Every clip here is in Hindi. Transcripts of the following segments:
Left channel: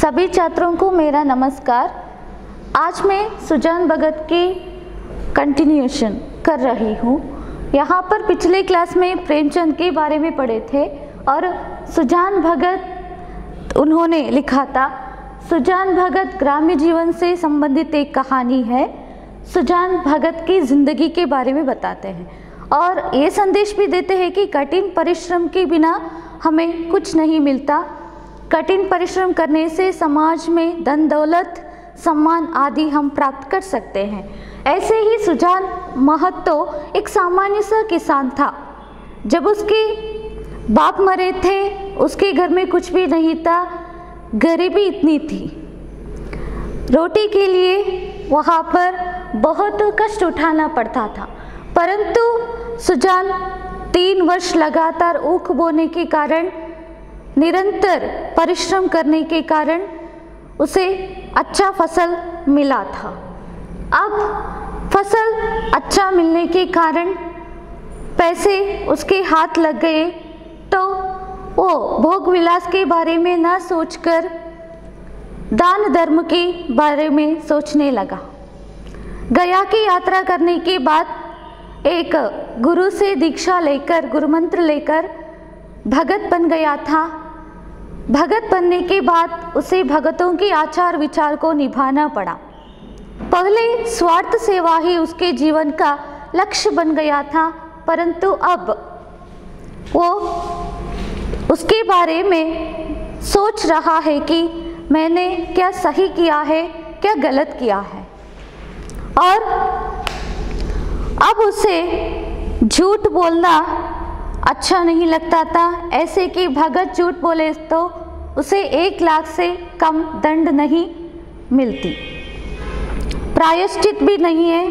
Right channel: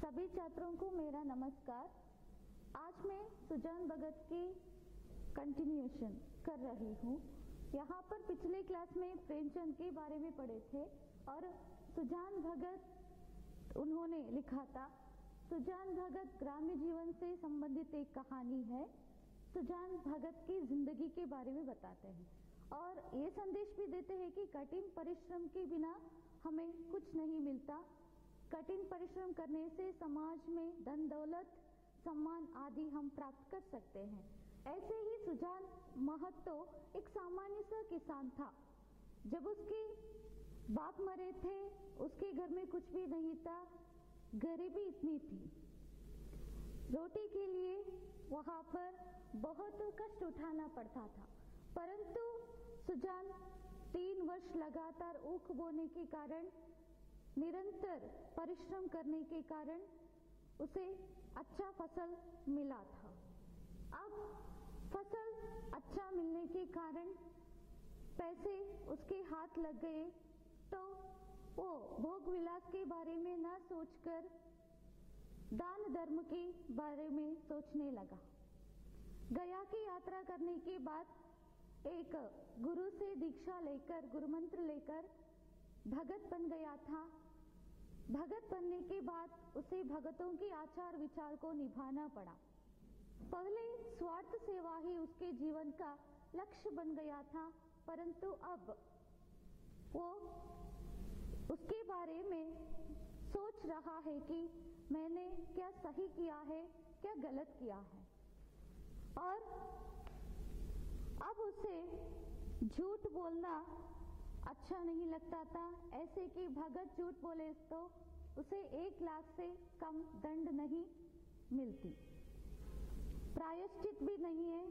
सभी छात्रों को मेरा नमस्कार। आज मैं सुजान भगत की कंटिन्यूएशन कर रही हूँ। यहाँ पर पिछले क्लास में प्रेमचंद के बारे में पढ़े थे और सुजान भगत उन्होंने लिखा था। सुजान भगत ग्रामीण जीवन से संबंधित एक कहानी है। सुजान भगत की ज़िंदगी के बारे में बताते हैं और ये संदेश भी देते हैं कि कठिन परिश्रम के बिना हमें कुछ नहीं मिलता। कठिन परिश्रम करने से समाज में धन दौलत सम्मान आदि हम प्राप्त कर सकते हैं। ऐसे ही सुजान महतो एक सामान्य सा किसान था। जब उसके बाप मरे थे, उसके घर में कुछ भी नहीं था, गरीबी इतनी थी। रोटी के लिए वहाँ पर बहुत कष्ट उठाना पड़ता था। परंतु सुजान 3 वर्ष लगातार ऊख बोने के कारण, निरंतर परिश्रम करने के कारण उसे अच्छा फसल मिला था। अब फसल अच्छा मिलने के कारण पैसे उसके हाथ लग गए तो वो भोग विलास के बारे में न सोचकर दान धर्म के बारे में सोचने लगा। गया की यात्रा करने के बाद एक गुरु से दीक्षा लेकर, गुरु मंत्र लेकर भगत बन गया था। भगत बनने के बाद उसे भगतों के आचार विचार को निभाना पड़ा। पहले स्वार्थ सेवा ही उसके जीवन का लक्ष्य बन गया था, परंतु अब वो उसके बारे में सोच रहा है कि मैंने क्या सही किया है, क्या गलत किया है। और अब उसे झूठ बोलना अच्छा नहीं लगता था। ऐसे कि भगत झूठ बोले तो उसे 1 लाख से कम दंड नहीं मिलती। प्रायश्चित भी नहीं है,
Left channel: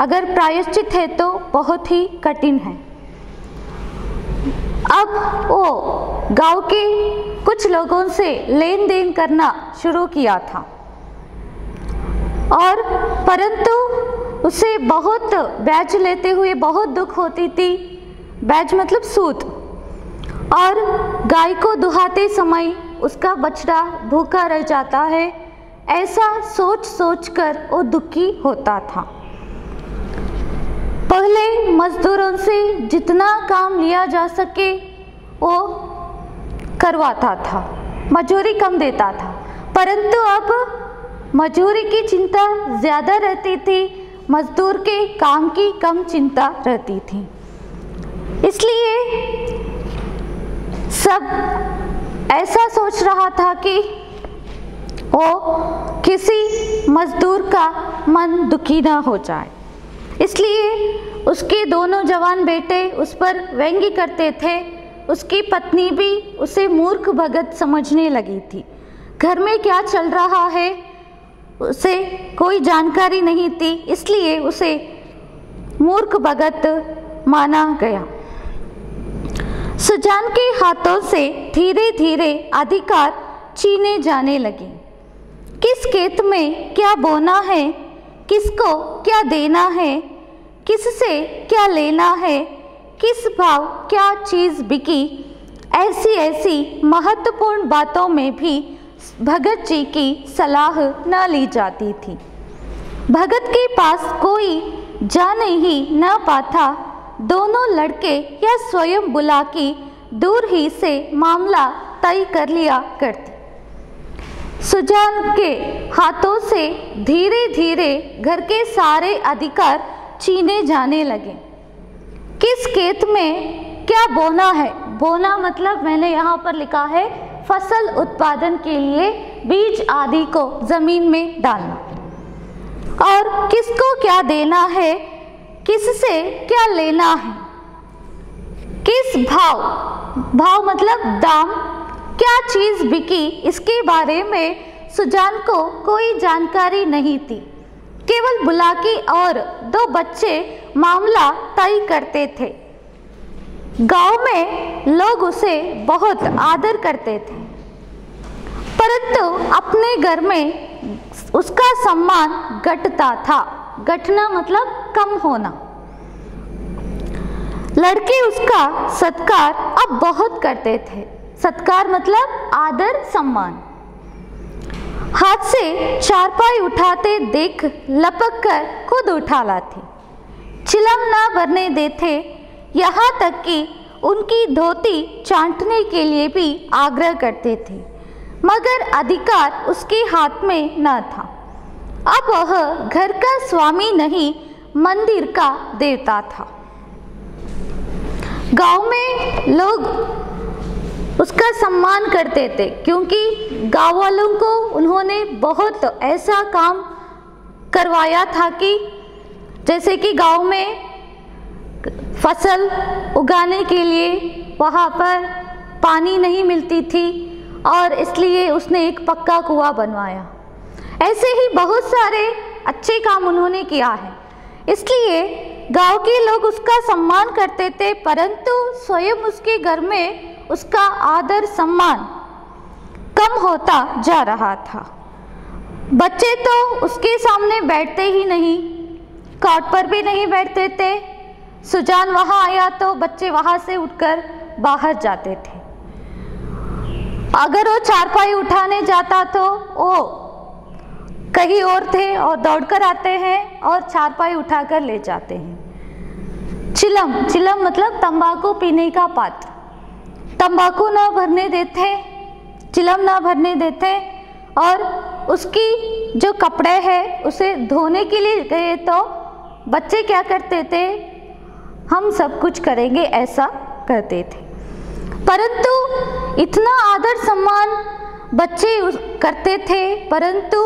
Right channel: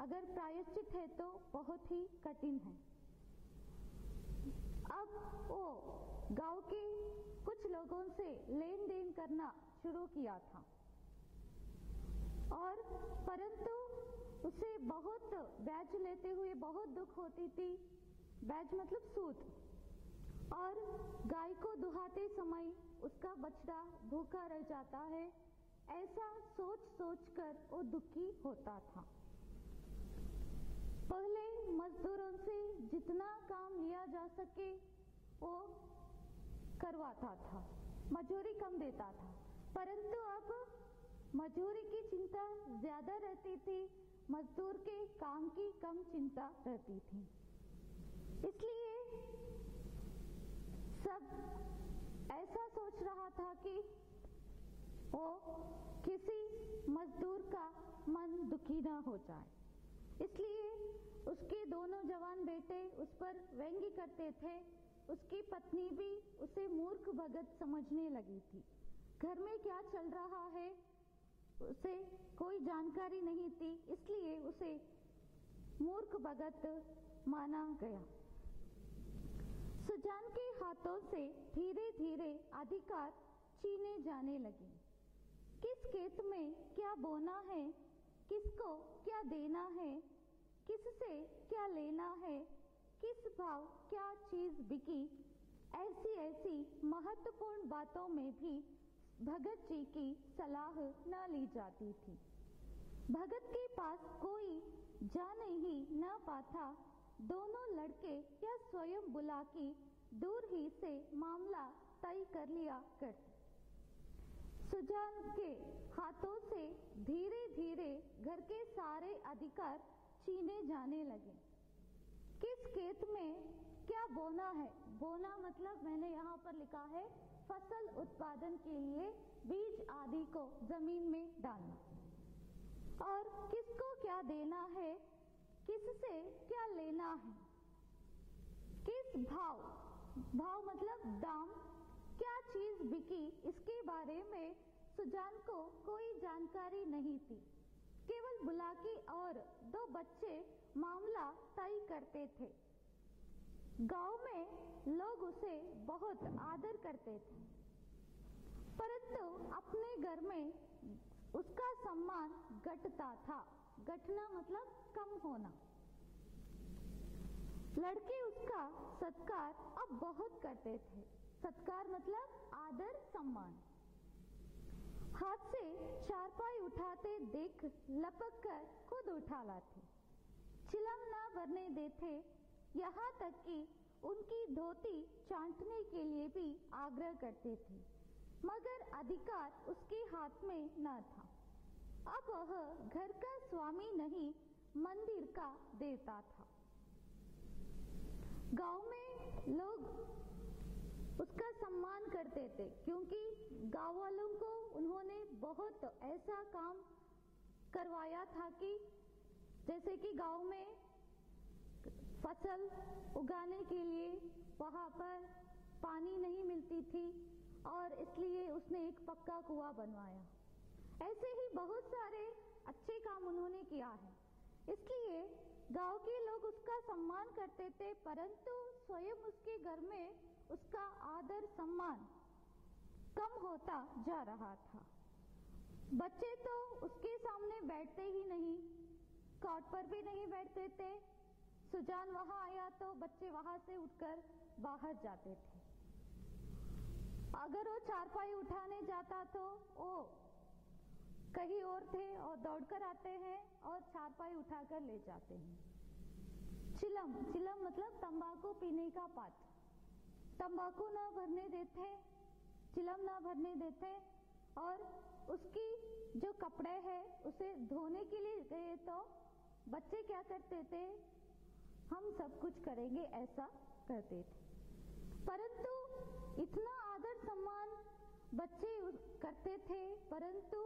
अगर प्रायश्चित है तो बहुत ही कठिन है। अब वो गांव के कुछ लोगों से लेन देन करना शुरू किया था और परंतु उसे बहुत ब्याज लेते हुए बहुत दुख होती थी। ब्याज मतलब सूद। और गाय को दुहाते समय उसका बछड़ा भूखा रह जाता है। ऐसा सोच सोच कर वो दुखी होता था। पहले मजदूरों से जितना काम लिया जा सके वो करवाता था, मजूरी कम देता था। परंतु अब मजूरी की चिंता ज़्यादा रहती थी, मजदूर के काम की कम चिंता रहती थी। इसलिए सब ऐसा सोच रहा था कि वो किसी मजदूर का मन दुखी ना हो जाए। इसलिए उसके दोनों जवान बेटे उस पर व्यंग्य करते थे। उसकी पत्नी भी उसे मूर्ख भगत समझने लगी थी। घर में क्या चल रहा है उसे कोई जानकारी नहीं थी, इसलिए उसे मूर्ख भगत माना गया। सुजान के हाथों से धीरे धीरे अधिकार छीने जाने लगे। किस खेत में क्या बोना है, किसको क्या देना है, किससे क्या लेना है, किस भाव क्या चीज़ बिकी, ऐसी ऐसी महत्वपूर्ण बातों में भी भगत जी की सलाह न ली जाती थी। भगत के पास कोई जाने ही न पाता। दोनों लड़के या स्वयं बुला के दूर ही से मामला तय कर लिया करते। सुजान के हाथों से धीरे धीरे घर के सारे अधिकार छीने जाने लगे। किस खेत में क्या बोना है, बोना मतलब मैंने यहाँ पर लिखा है फसल उत्पादन के लिए बीज आदि को जमीन में डालना। और किसको क्या देना है, किससे क्या लेना है, किस भाव, भाव मतलब दाम, क्या चीज़ बिकी, इसके बारे में सुजान को कोई जानकारी नहीं थी। केवल बुलाकी और 2 बच्चे मामला तय करते थे। गांव में लोग उसे बहुत आदर करते थे, परंतु अपने घर में उसका सम्मान घटता था। घटना मतलब कम होना। लड़के उसका सत्कार अब बहुत करते थे। सत्कार मतलब आदर सम्मान। हाथ से चारपाई उठाते देख लपक कर खुद उठा लाते, चिलम ना भरने देते, यहाँ तक कि उनकी धोती चाटने के लिए भी आग्रह करते थे, मगर अधिकार उसके हाथ में न था। अब वह घर का स्वामी नहीं, मंदिर का देवता था। गांव में लोग उसका सम्मान करते थे, क्योंकि गांव वालों को उन्होंने बहुत ऐसा काम करवाया था कि जैसे कि गांव में फसल उगाने के लिए वहाँ पर पानी नहीं मिलती थी और इसलिए उसने एक पक्का कुआं बनवाया। ऐसे ही बहुत सारे अच्छे काम उन्होंने किया है, इसलिए गांव के लोग उसका सम्मान करते थे, परंतु स्वयं उसके घर में उसका आदर सम्मान कम होता जा रहा था। बच्चे तो उसके सामने बैठते ही नहीं, कॉट पर भी नहीं बैठते थे। सुजान वहाँ आया तो बच्चे वहाँ से उठकर बाहर जाते थे। अगर वो चारपाई उठाने जाता तो वो कहीं और थे और दौड़कर आते हैं और चारपाई उठाकर ले जाते हैं। चिलम, चिलम मतलब तंबाकू पीने का पात्र। तंबाकू ना भरने देते, चिलम ना भरने देते, और उसकी जो कपड़े हैं उसे धोने के लिए गए तो बच्चे क्या करते थे, हम सब कुछ करेंगे ऐसा करते थे। परंतु इतना आदर सम्मान बच्चे करते थे, परंतु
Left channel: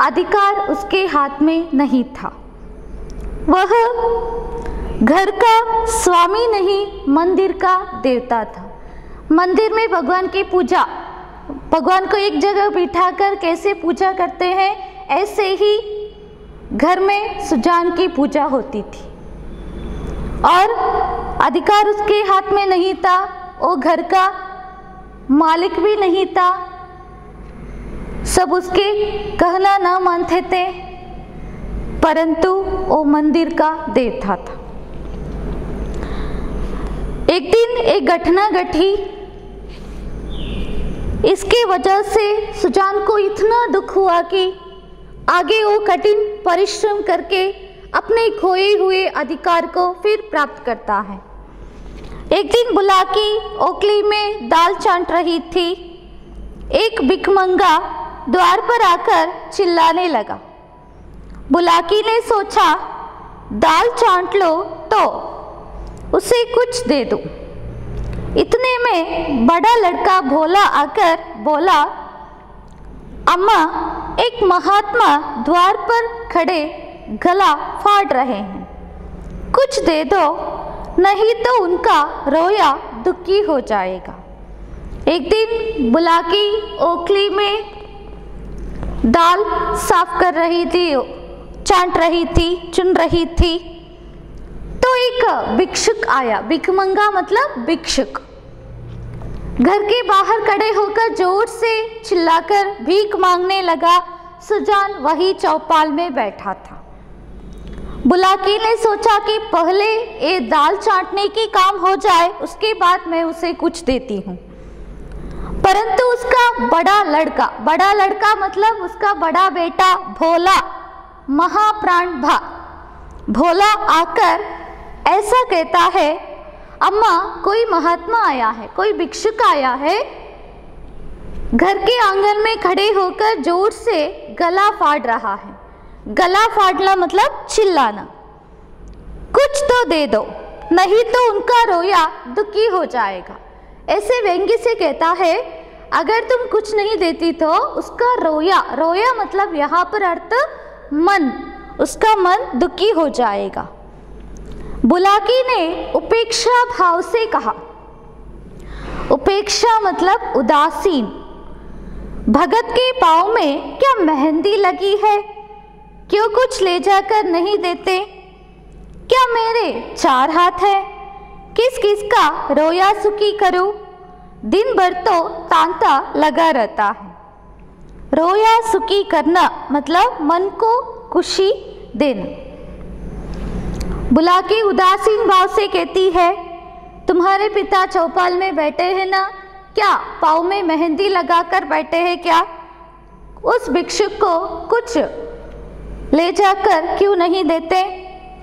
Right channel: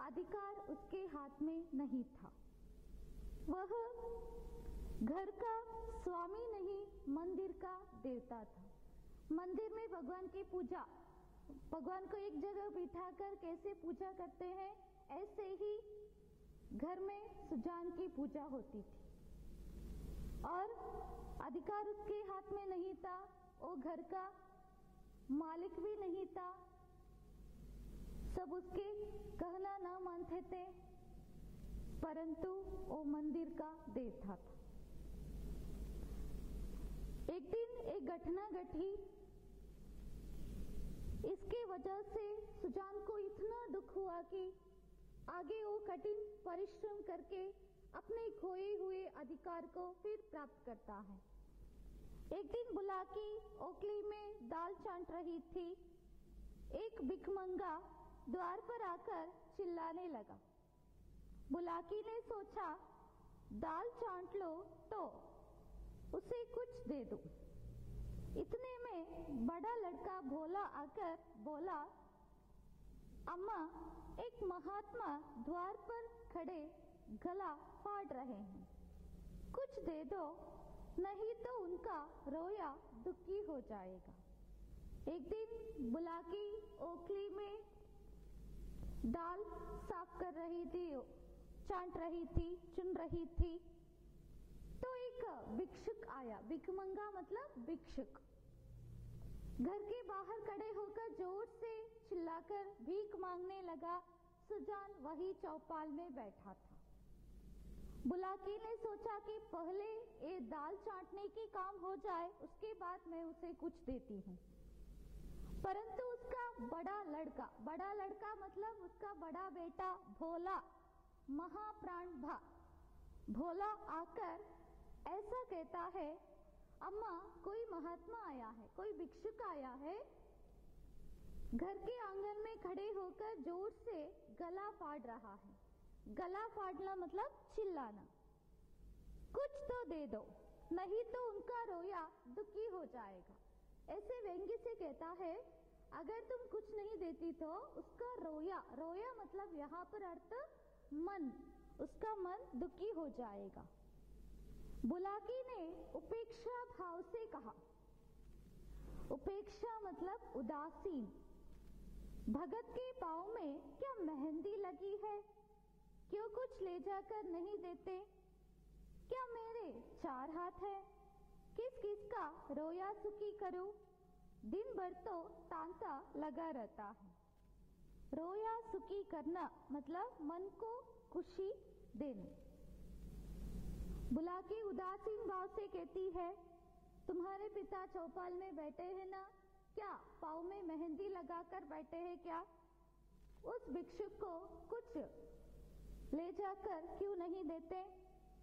अधिकार उसके हाथ में नहीं था। वह घर का स्वामी नहीं, मंदिर का देवता था। मंदिर में भगवान की पूजा, भगवान को एक जगह बिठाकर कैसे पूजा करते हैं, ऐसे ही घर में सुजान की पूजा होती थी और अधिकार उसके हाथ में नहीं था। वो घर का मालिक भी नहीं था, सब उसके कहना ना मानते थे, परंतु वो मंदिर का देवता था। एक दिन एक घटना घटी, इसके वजह से सुजान को इतना दुख हुआ कि आगे वो कठिन परिश्रम करके अपने खोए हुए अधिकार को फिर प्राप्त करता है। एक दिन बुलाकी ओखली में दाल चाट रही थी। एक भिखमंगा द्वार पर आकर चिल्लाने लगा। बुलाकी ने सोचा दाल चाट लो तो उसे कुछ दे दो। इतने में बड़ा लड़का भोला आकर बोला, अम्मा, एक महात्मा द्वार पर खड़े गला फाड़ रहे हैं, कुछ दे दो, नहीं तो उनका रोया दुखी हो जाएगा। एक दिन बुलाकी ओखली में दाल साफ कर रही थी, चाट रही थी, चुन रही थी, तो एक भिक्षुक आया। भिखमंगा मतलब भिक्षुक। घर के बाहर खड़े होकर जोर से चिल्लाकर भीख मांगने लगा। सुजान वही चौपाल में बैठा था। बुलाकी ने सोचा कि पहले ये दाल चाटने की काम हो जाए, उसके बाद मैं उसे कुछ देती हूँ। परंतु उसका बड़ा लड़का मतलब उसका बड़ा बेटा भोला, महाप्राण भोला आकर ऐसा कहता है, अम्मा, कोई महात्मा आया है, कोई भिक्षुक आया है, घर के आंगन में खड़े होकर जोर से गला फाड़ रहा है। गला फाड़ना मतलब चिल्लाना। कुछ तो दे दो, नहीं तो उनका रोया दुखी हो जाएगा। ऐसे व्यंग्य से कहता है, अगर तुम कुछ नहीं देती तो उसका रोया मतलब यहाँ पर अर्थ मन, उसका मन दुखी हो जाएगा। बुलाकी ने उपेक्षा भाव से कहा। उपेक्षा मतलब उदासीन। भगत के पाँव में क्या मेहंदी लगी है, क्यों कुछ ले जाकर नहीं देते? क्या मेरे 4 हाथ है, किस किस का रोया सुखी करूं? दिन भर तो तांता लगा रहता है। रोया सुखी करना मतलब मन को खुशी देना। बुलाकी उदासीन भाव से कहती है, तुम्हारे पिता चौपाल में बैठे हैं ना, क्या पाँव में मेहंदी लगाकर बैठे हैं क्या? उस भिक्षुक को कुछ ले जाकर क्यों नहीं देते?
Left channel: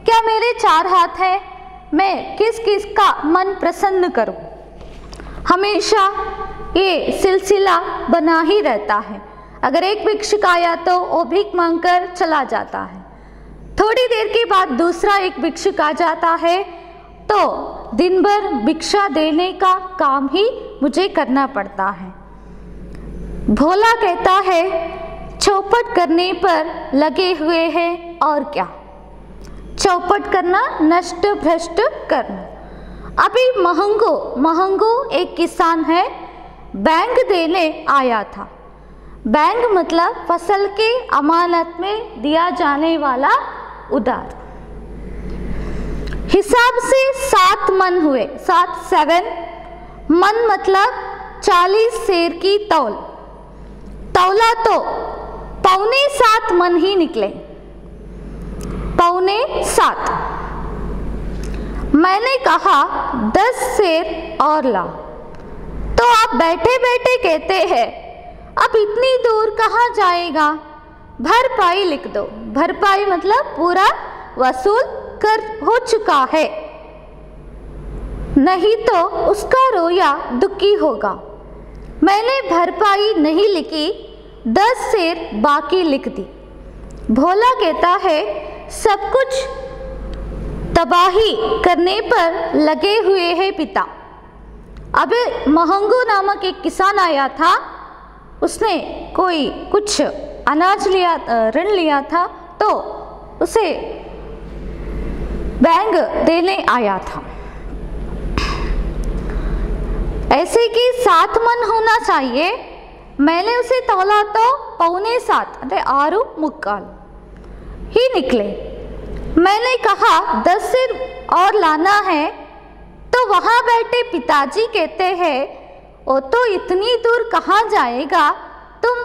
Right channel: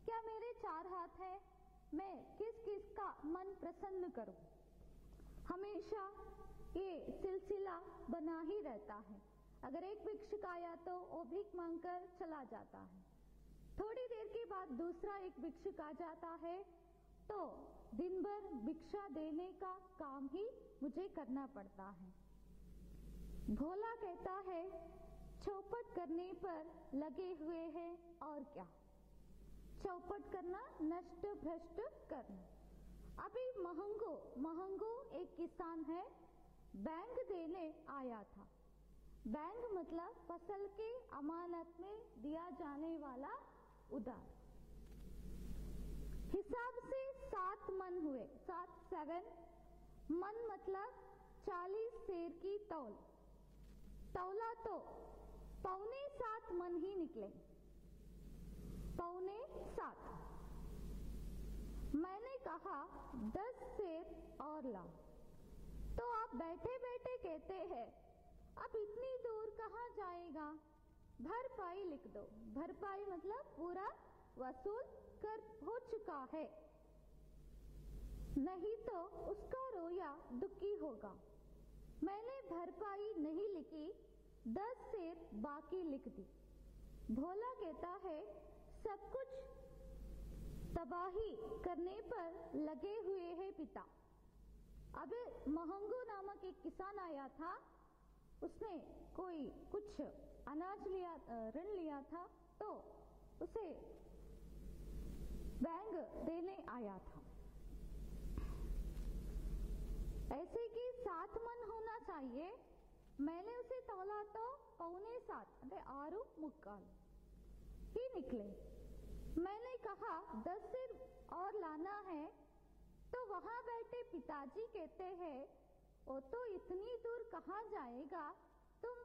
क्या मेरे 4 हाथ हैं, मैं किस किस का मन प्रसन्न करूं? हमेशा ये सिलसिला बना ही रहता है। अगर एक भिक्षुक आया तो वो भीख मांगकर चला जाता है, थोड़ी देर के बाद दूसरा एक भिक्षुक आ जाता है, तो दिन भर भिक्षा देने का काम ही मुझे करना पड़ता है। भोला कहता है चौपट करने पर लगे हुए हैं, और क्या? चौपट करना, नष्ट भ्रष्ट करना। अभी महंगो एक किसान है, बैंक देने आया था। बैंक मतलब फसल के अमानत में दिया जाने वाला उधार। हिसाब से 7 मन हुए, 7 मन मतलब 40 सेर की तौल। तौला तो 7.25 मन ही निकले, 7.25। मैंने कहा 10 सेर और ला, तो आप बैठे बैठे कहते हैं अब इतनी दूर कहाँ जाएगा, भरपाई लिख दो। भरपाई मतलब पूरा वसूल कर हो चुका है, नहीं तो उसका रोया दुखी होगा। मैंने भरपाई नहीं लिखी, 10 सेर बाकी लिख दी। भोला कहता है सब कुछ तबाही करने पर लगे हुए हैं पिता। अब महंगो नामक एक किसान आया था, उसने कोई कुछ अनाज लिया, ऋण लिया था, तो उसे बैंक देने आया था। ऐसे कि 7 मन होना चाहिए, मैंने उसे तौला तो 7.25 अरे 6 मुक्काल ही निकले। मैंने कहा 10 सेर और लाना है, तो वहां बैठे पिताजी कहते हैं वो तो इतनी दूर कहाँ जाएगा, तुम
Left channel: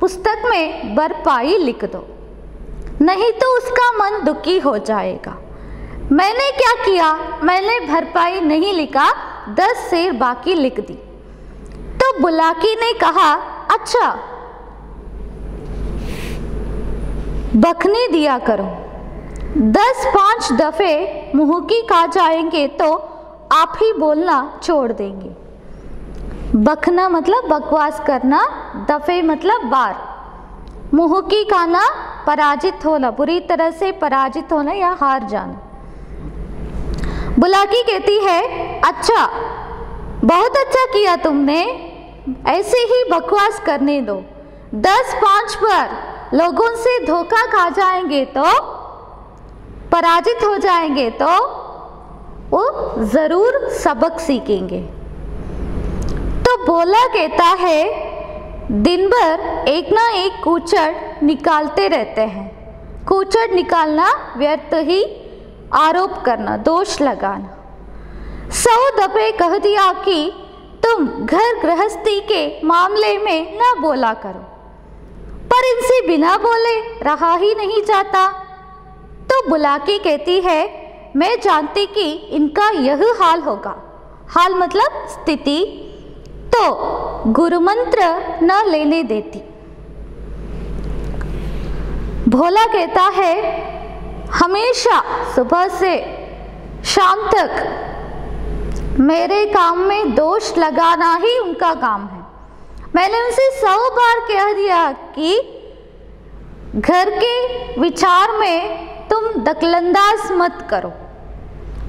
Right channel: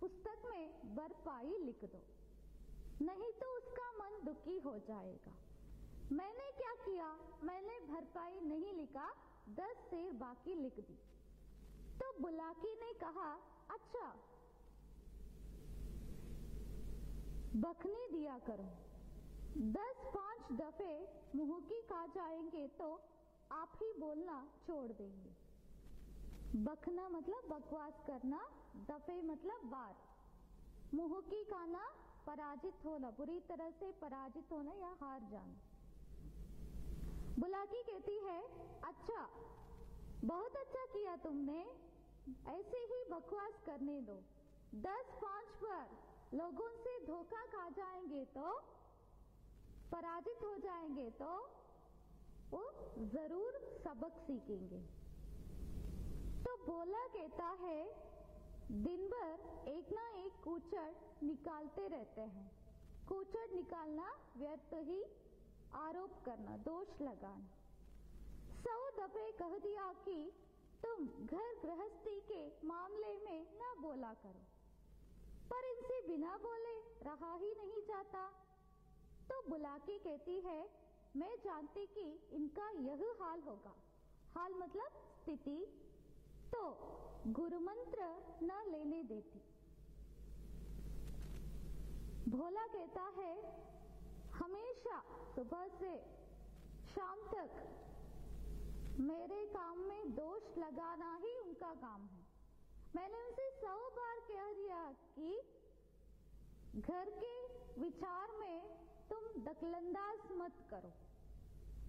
पुस्तक में भरपाई लिख दो, नहीं तो उसका मन दुखी हो जाएगा। मैंने क्या किया, मैंने भरपाई नहीं लिखा, 10 सेर बाकी लिख दी। तो बुलाकी ने कहा अच्छा बखनी दिया करो, 10-5 दफे मुहकी खा जाएंगे तो आप ही बोलना छोड़ देंगे। बखना मतलब बकवास करना, दफे मतलब बार, मुहकी खाना पराजित होना, बुरी तरह से पराजित होना या हार जाना। बुलाकी कहती है अच्छा बहुत अच्छा किया तुमने, ऐसे ही बकवास करने दो, 10-5 पर लोगों से धोखा खा जाएंगे तो, पराजित हो जाएंगे तो वो जरूर सबक सीखेंगे। तो भोला कहता है दिन भर एक ना एक कूचड़ निकालते रहते हैं। कूचड़ निकालना व्यर्थ ही आरोप करना, दोष लगाना। 100 दफे कह दिया कि तुम घर गृहस्थी के मामले में न बोला करो, पर इनसे बिना बोले रहा ही नहीं जाता। तो बुलाकी कहती है मैं जानती कि इनका यह हाल होगा, हाल मतलब स्थिति, तो गुरु मंत्र न लेने देती। भोला कहता है हमेशा सुबह से शाम तक मेरे काम में दोष लगाना ही उनका काम है। मैंने उनसे 100 बार कह दिया कि घर के विचार में तुम दखलंदाज मत करो,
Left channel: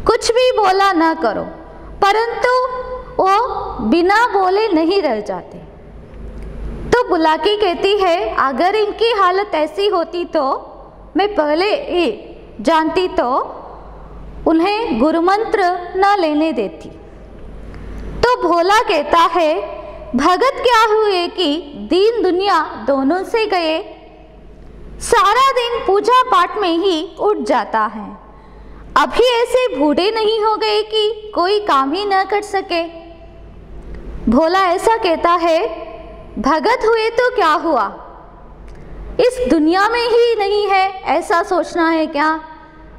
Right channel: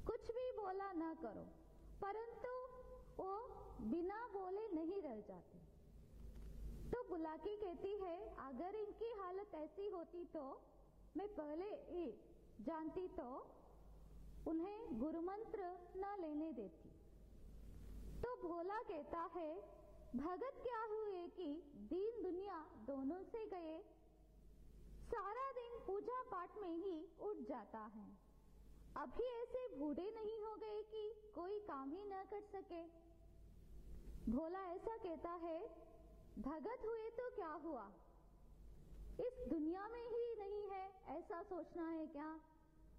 कुछ भी बोला ना करो, परंतु वो बिना बोले नहीं रह जाते। तो बुलाकी कहती है अगर इनकी हालत ऐसी होती तो मैं पहले ही जानती तो उन्हें गुरु मंत्र न लेने देती। तो भोला कहता है भगत क्या हुए कि दीन दुनिया दोनों से गए, सारा दिन पूजा पाठ में ही उठ जाता है, अभी ऐसे बूढ़े नहीं हो गए कि कोई काम ही न कर सके। भोला ऐसा कहता है भगत हुए तो क्या हुआ, इस दुनिया में ही नहीं है ऐसा सोचना है क्या,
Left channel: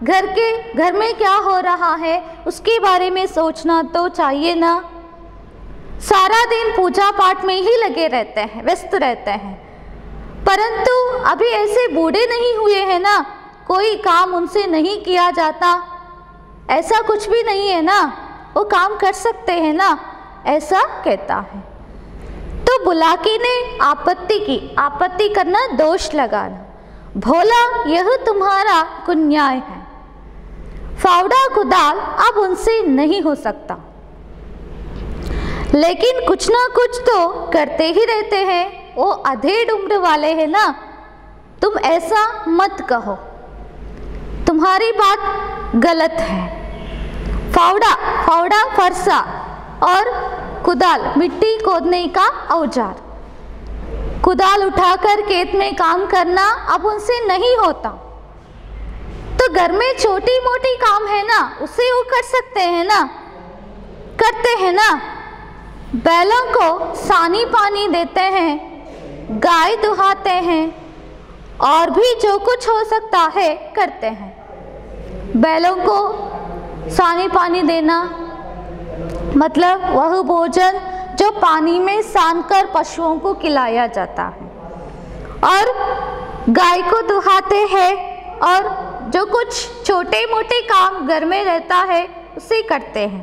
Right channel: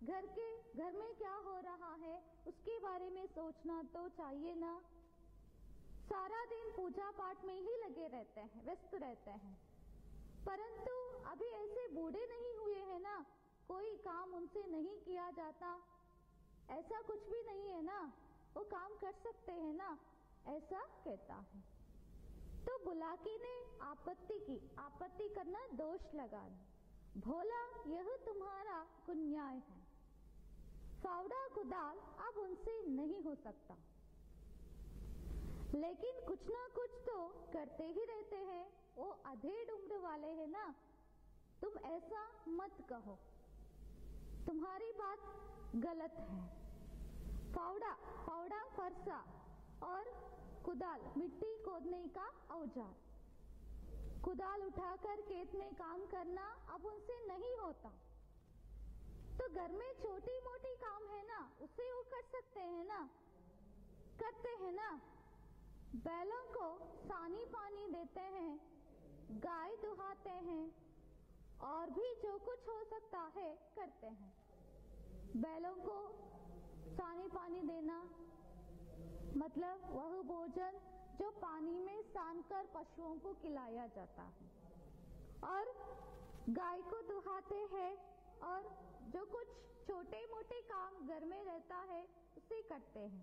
घर में क्या हो रहा है उसके बारे में सोचना तो चाहिए ना। सारा दिन पूजा पाठ में ही लगे रहते हैं, व्यस्त रहते हैं, परंतु अभी ऐसे बूढ़े नहीं हुए हैं ना, कोई काम उनसे नहीं किया जाता, ऐसा कुछ भी नहीं है ना, वो काम कर सकते हैं ना, ऐसा कहता है। तो बुलाकी ने आपत्ति की, आपत्ति करना दोष लगाना, भोला यह तुम्हारा कुन्याय है, फावड़ा कुदाल अब उनसे नहीं हो सकता, लेकिन कुछ ना कुछ तो करते ही रहते हैं, वो अधेड़ उम्र वाले हैं ना, तुम ऐसा मत कहो, तुम्हारी बात गलत है। फावड़ा, फावड़ा फरसा और कुदाल मिट्टी खोदने का औजार, कुदाल उठाकर खेत में काम करना अब उनसे नहीं होता, तो घर में छोटी मोटी काम है ना, उसे वो कर सकते हैं ना, करते हैं ना, बैलों को सानी पानी देते हैं, गाय दुहाते हैं, और भी जो कुछ हो सकता है करते हैं। बैलों को सानी पानी देना मतलब वह भोजन जो पानी में सानकर पशुओं को खिलाया जाता है, और गाय को दुहाते हैं, और जो कुछ छोटे मोटे काम घर में रहता है उसे करते हैं।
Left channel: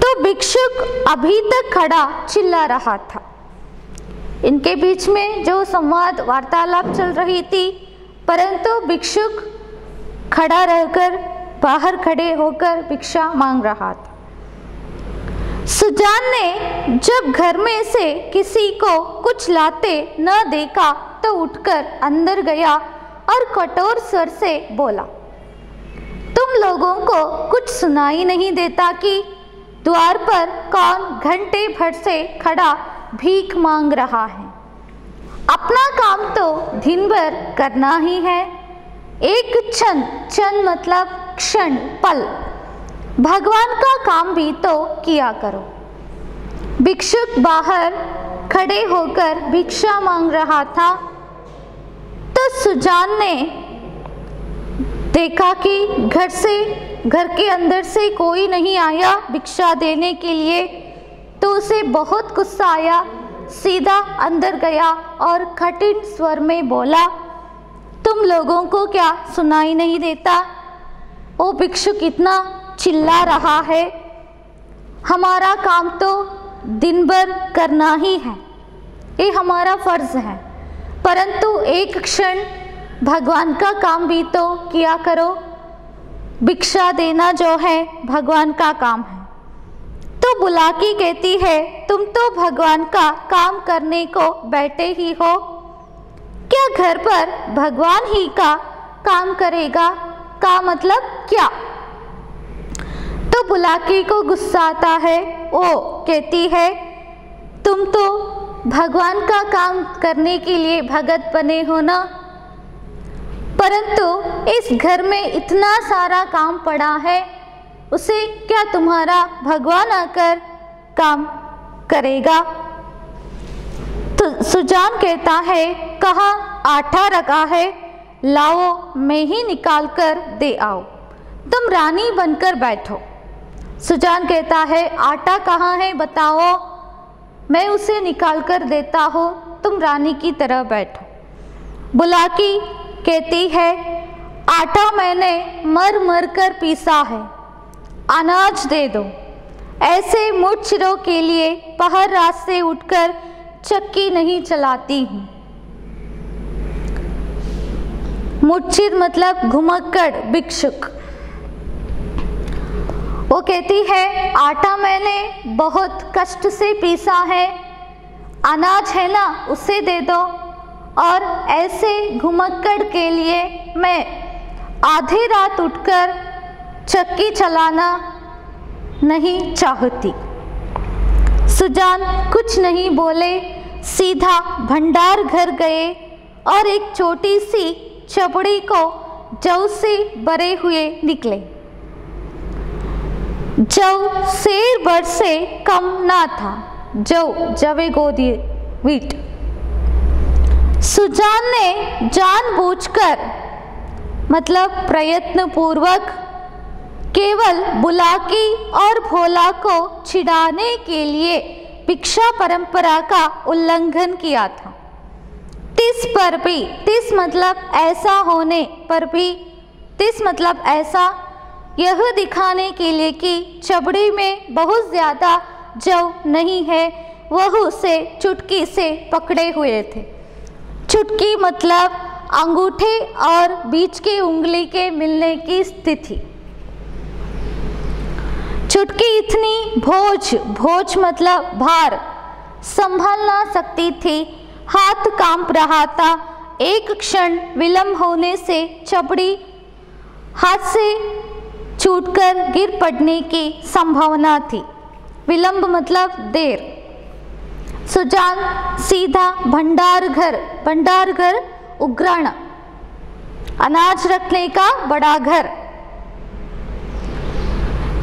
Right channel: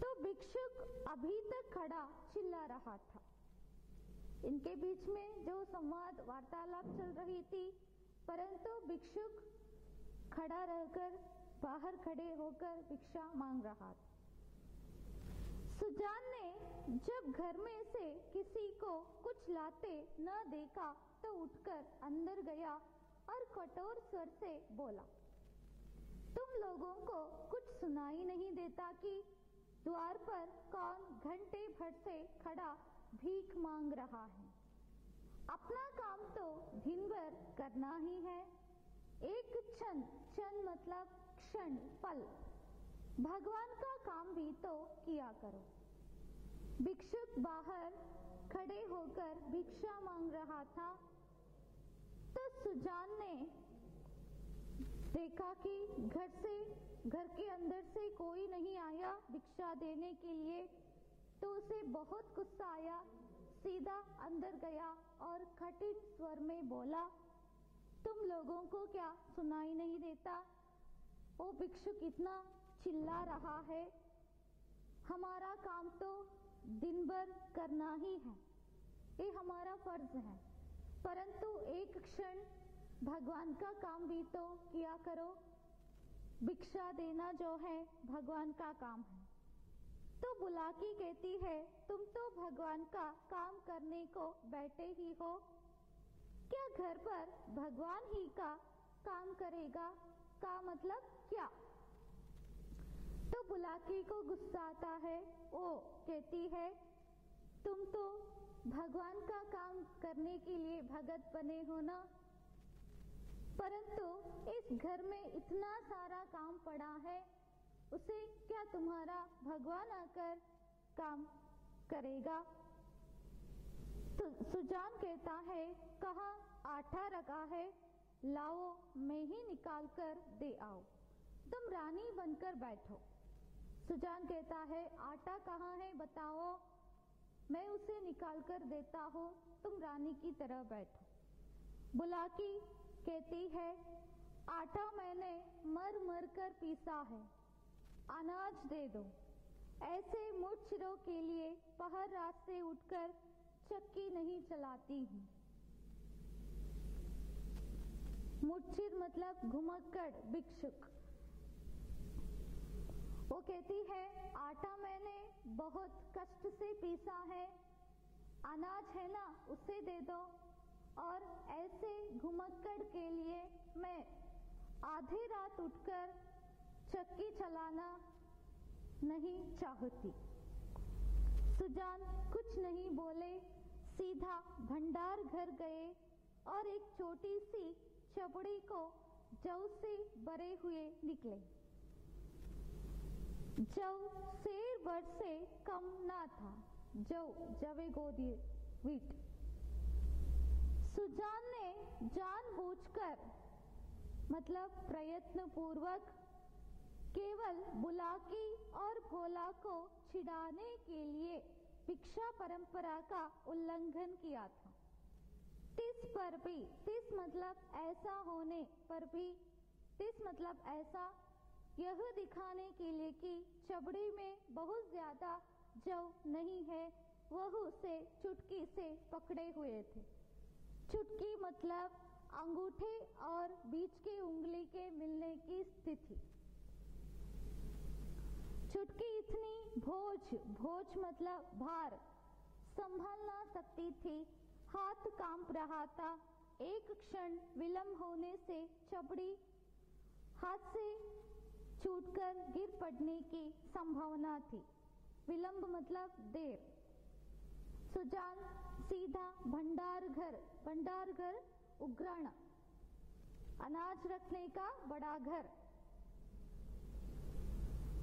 तो भिक्षुक अभी तक खड़ा चिल्ला रहा था। इनके बीच में जो संवाद वार्तालाप चल रही थी, परंतु भिक्षुक खड़ा रहकर बाहर खड़े होकर भिक्षा मांग रहा था। सुजान ने जब घर में से किसी को कुछ लाते न देखा तो उठकर अंदर गया और कठोर स्वर से बोला, तुम लोगों को कुछ सुनाई नहीं देता कि द्वार पर कौन घंटे भर से खड़ा भीख मांग रहा है? अपना काम तो दिन भर करना ही है, एक क्षण, क्षण मतलब क्षण, पल, भगवान का काम भी तो किया करो। भिक्षुक बाहर खड़े होकर भिक्षा मांग रहा था, तो सुजान ने देखा कि घर के अंदर से कोई नहीं आया भिक्षा देने के लिए, तो उसे बहुत गुस्सा आया, सीधा अंदर गया और कठिन स्वर में बोला, तुम लोगों को क्या सुनाई नहीं देता? वो भिक्षुक इतना चिल्ला रहा है, हमारा काम तो दिन भर करना ही है, ये हमारा फर्ज है, परंतु एक क्षण भगवान का काम भी तो किया करो। भिक्षा देना जो है भगवान का काम है। तो बुलाकी कहती है, तुम तो भगवान का काम करने को बैठे ही हो, क्या घर पर भगवान ही का काम करेगा का मतलब क्या? तो बुलाकी को गुस्सा आता है, वो कहती है, तुम तो भगवान का काम करने के लिए भगत बने हो ना, परंतु इस घर में इतना सारा काम पड़ा है, उसे क्या तुम्हारा भगवान आकर काम करेगा? तो सुजान कहता है, कहाँ आटा रखा है, लाओ मैं ही निकाल कर दे आओ, तुम रानी बनकर बैठो। सुजान कहता है, आटा कहाँ है बताओ, मैं उसे निकाल कर देता हूँ, तुम रानी की तरह बैठो। बुलाकी कहती है, आटा मैंने मर मर कर पीसा है, अनाज दे दो। ऐसे मुठचिरों के लिए पहर रात से उठकर चक्की नहीं चलाती हूँ। मुठचिर मतलब घुमक्कड़, भिक्षुक। वो कहती है, आटा मैंने बहुत कष्ट से पीसा है, अनाज है ना उसे दे दो, और ऐसे घुमक्कड़ के लिए मैं आधी रात उठकर चक्की चलाना नहीं चाहती। सुजान कुछ नहीं बोले, सीधा भंडार घर गए और एक छोटी सी चपड़ी को जौ से भरे हुए निकले। जौ सेर भर से कम ना था, जवे गोदी वीट। सुजान ने जानबूझकर मतलब प्रयत्न पूर्वक केवल बुलाकी और भोला को चिढ़ाने के लिए भिक्षा परंपरा का उल्लंघन किया था। तिस पर भी, तिस मतलब ऐसा होने पर भी, तिस मतलब ऐसा, यह दिखाने के लिए कि चबड़ी में बहुत ज़्यादा जव नहीं है, वह उसे चुटकी से पकड़े हुए थे। चुटकी मतलब अंगूठे और बीच की उंगली के मिलने की स्थिति। चुटकी इतनी भोज, भोज मतलब भार, संभाल ना सकती थी, हाथ कांप रहा था। एक क्षण विलंब होने से चबड़ी हाथ से छूटकर गिर पड़ने की संभावना थी। विलंब मतलब देर। सुजान सीधा भंडार घर, भंडार घर उग्राण, अनाज रखने का बड़ा घर।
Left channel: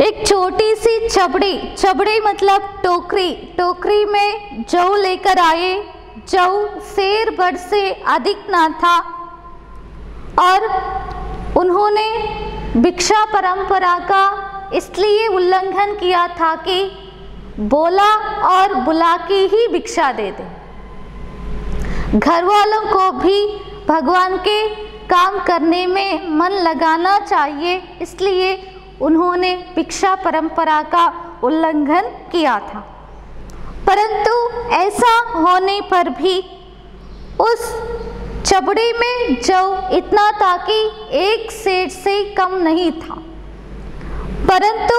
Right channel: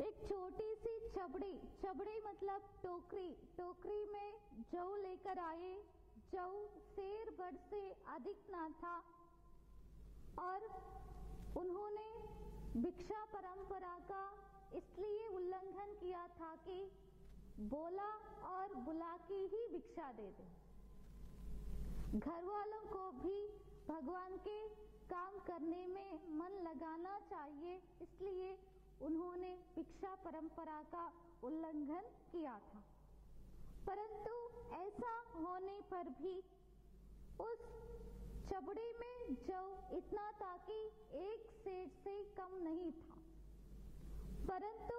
एक छोटी सी छबड़ी, छबड़ी मतलब टोकरी, टोकरी में जौ लेकर आए। जौ सेर भर से अधिक ना था और उन्होंने भिक्षा परंपरा का इसलिए उल्लंघन किया था कि बोला और बुला के ही भिक्षा दे दे। घर वालों को भी भगवान के काम करने में मन लगाना चाहिए, इसलिए उन्होंने भिक्षा परंपरा का उल्लंघन किया था। परंतु ऐसा होने पर भी उस चबड़ी में जौ इतना था कि एक सेर से कम नहीं था। परंतु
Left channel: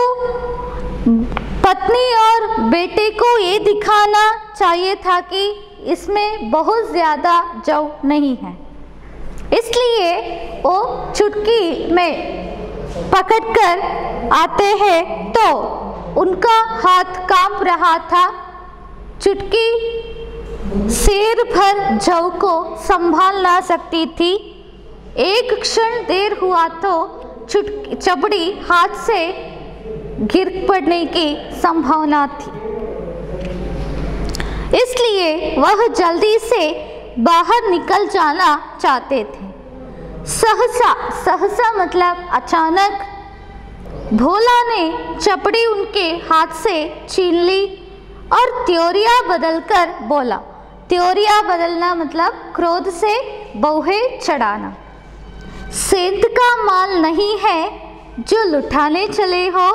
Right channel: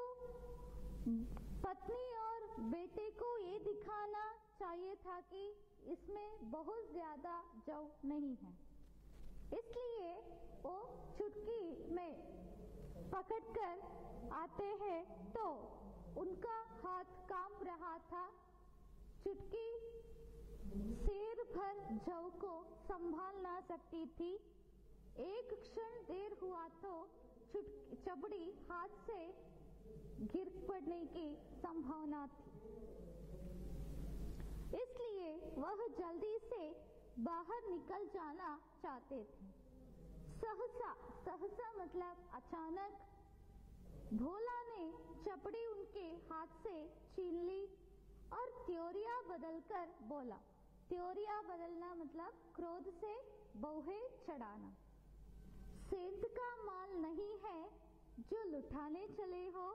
पत्नी और बेटे को ये दिखाना चाहिए था कि इसमें बहुत ज़्यादा जौ नहीं है, इसलिए वो चुटकी में पकड़कर आते हैं तो उनका हाथ कांप रहा था। चुटकी सेर भर जौ को संभाल ना सकती थी। एक क्षण देर हुआ तो चबड़ी हाथ से गिर पड़ने की संभावना थी, इसलिए वह जल्दी से बाहर निकल जाना चाहते थे। सहसा, सहसा मतलब अचानक, भोला ने चपड़ी उनके हाथ से छीन ली और त्योरिया बदलकर बोला। त्योरिया बदलना मतलब क्रोध से बौहे चढ़ाना। सेंध का माल नहीं है जो लुटाने चले हो,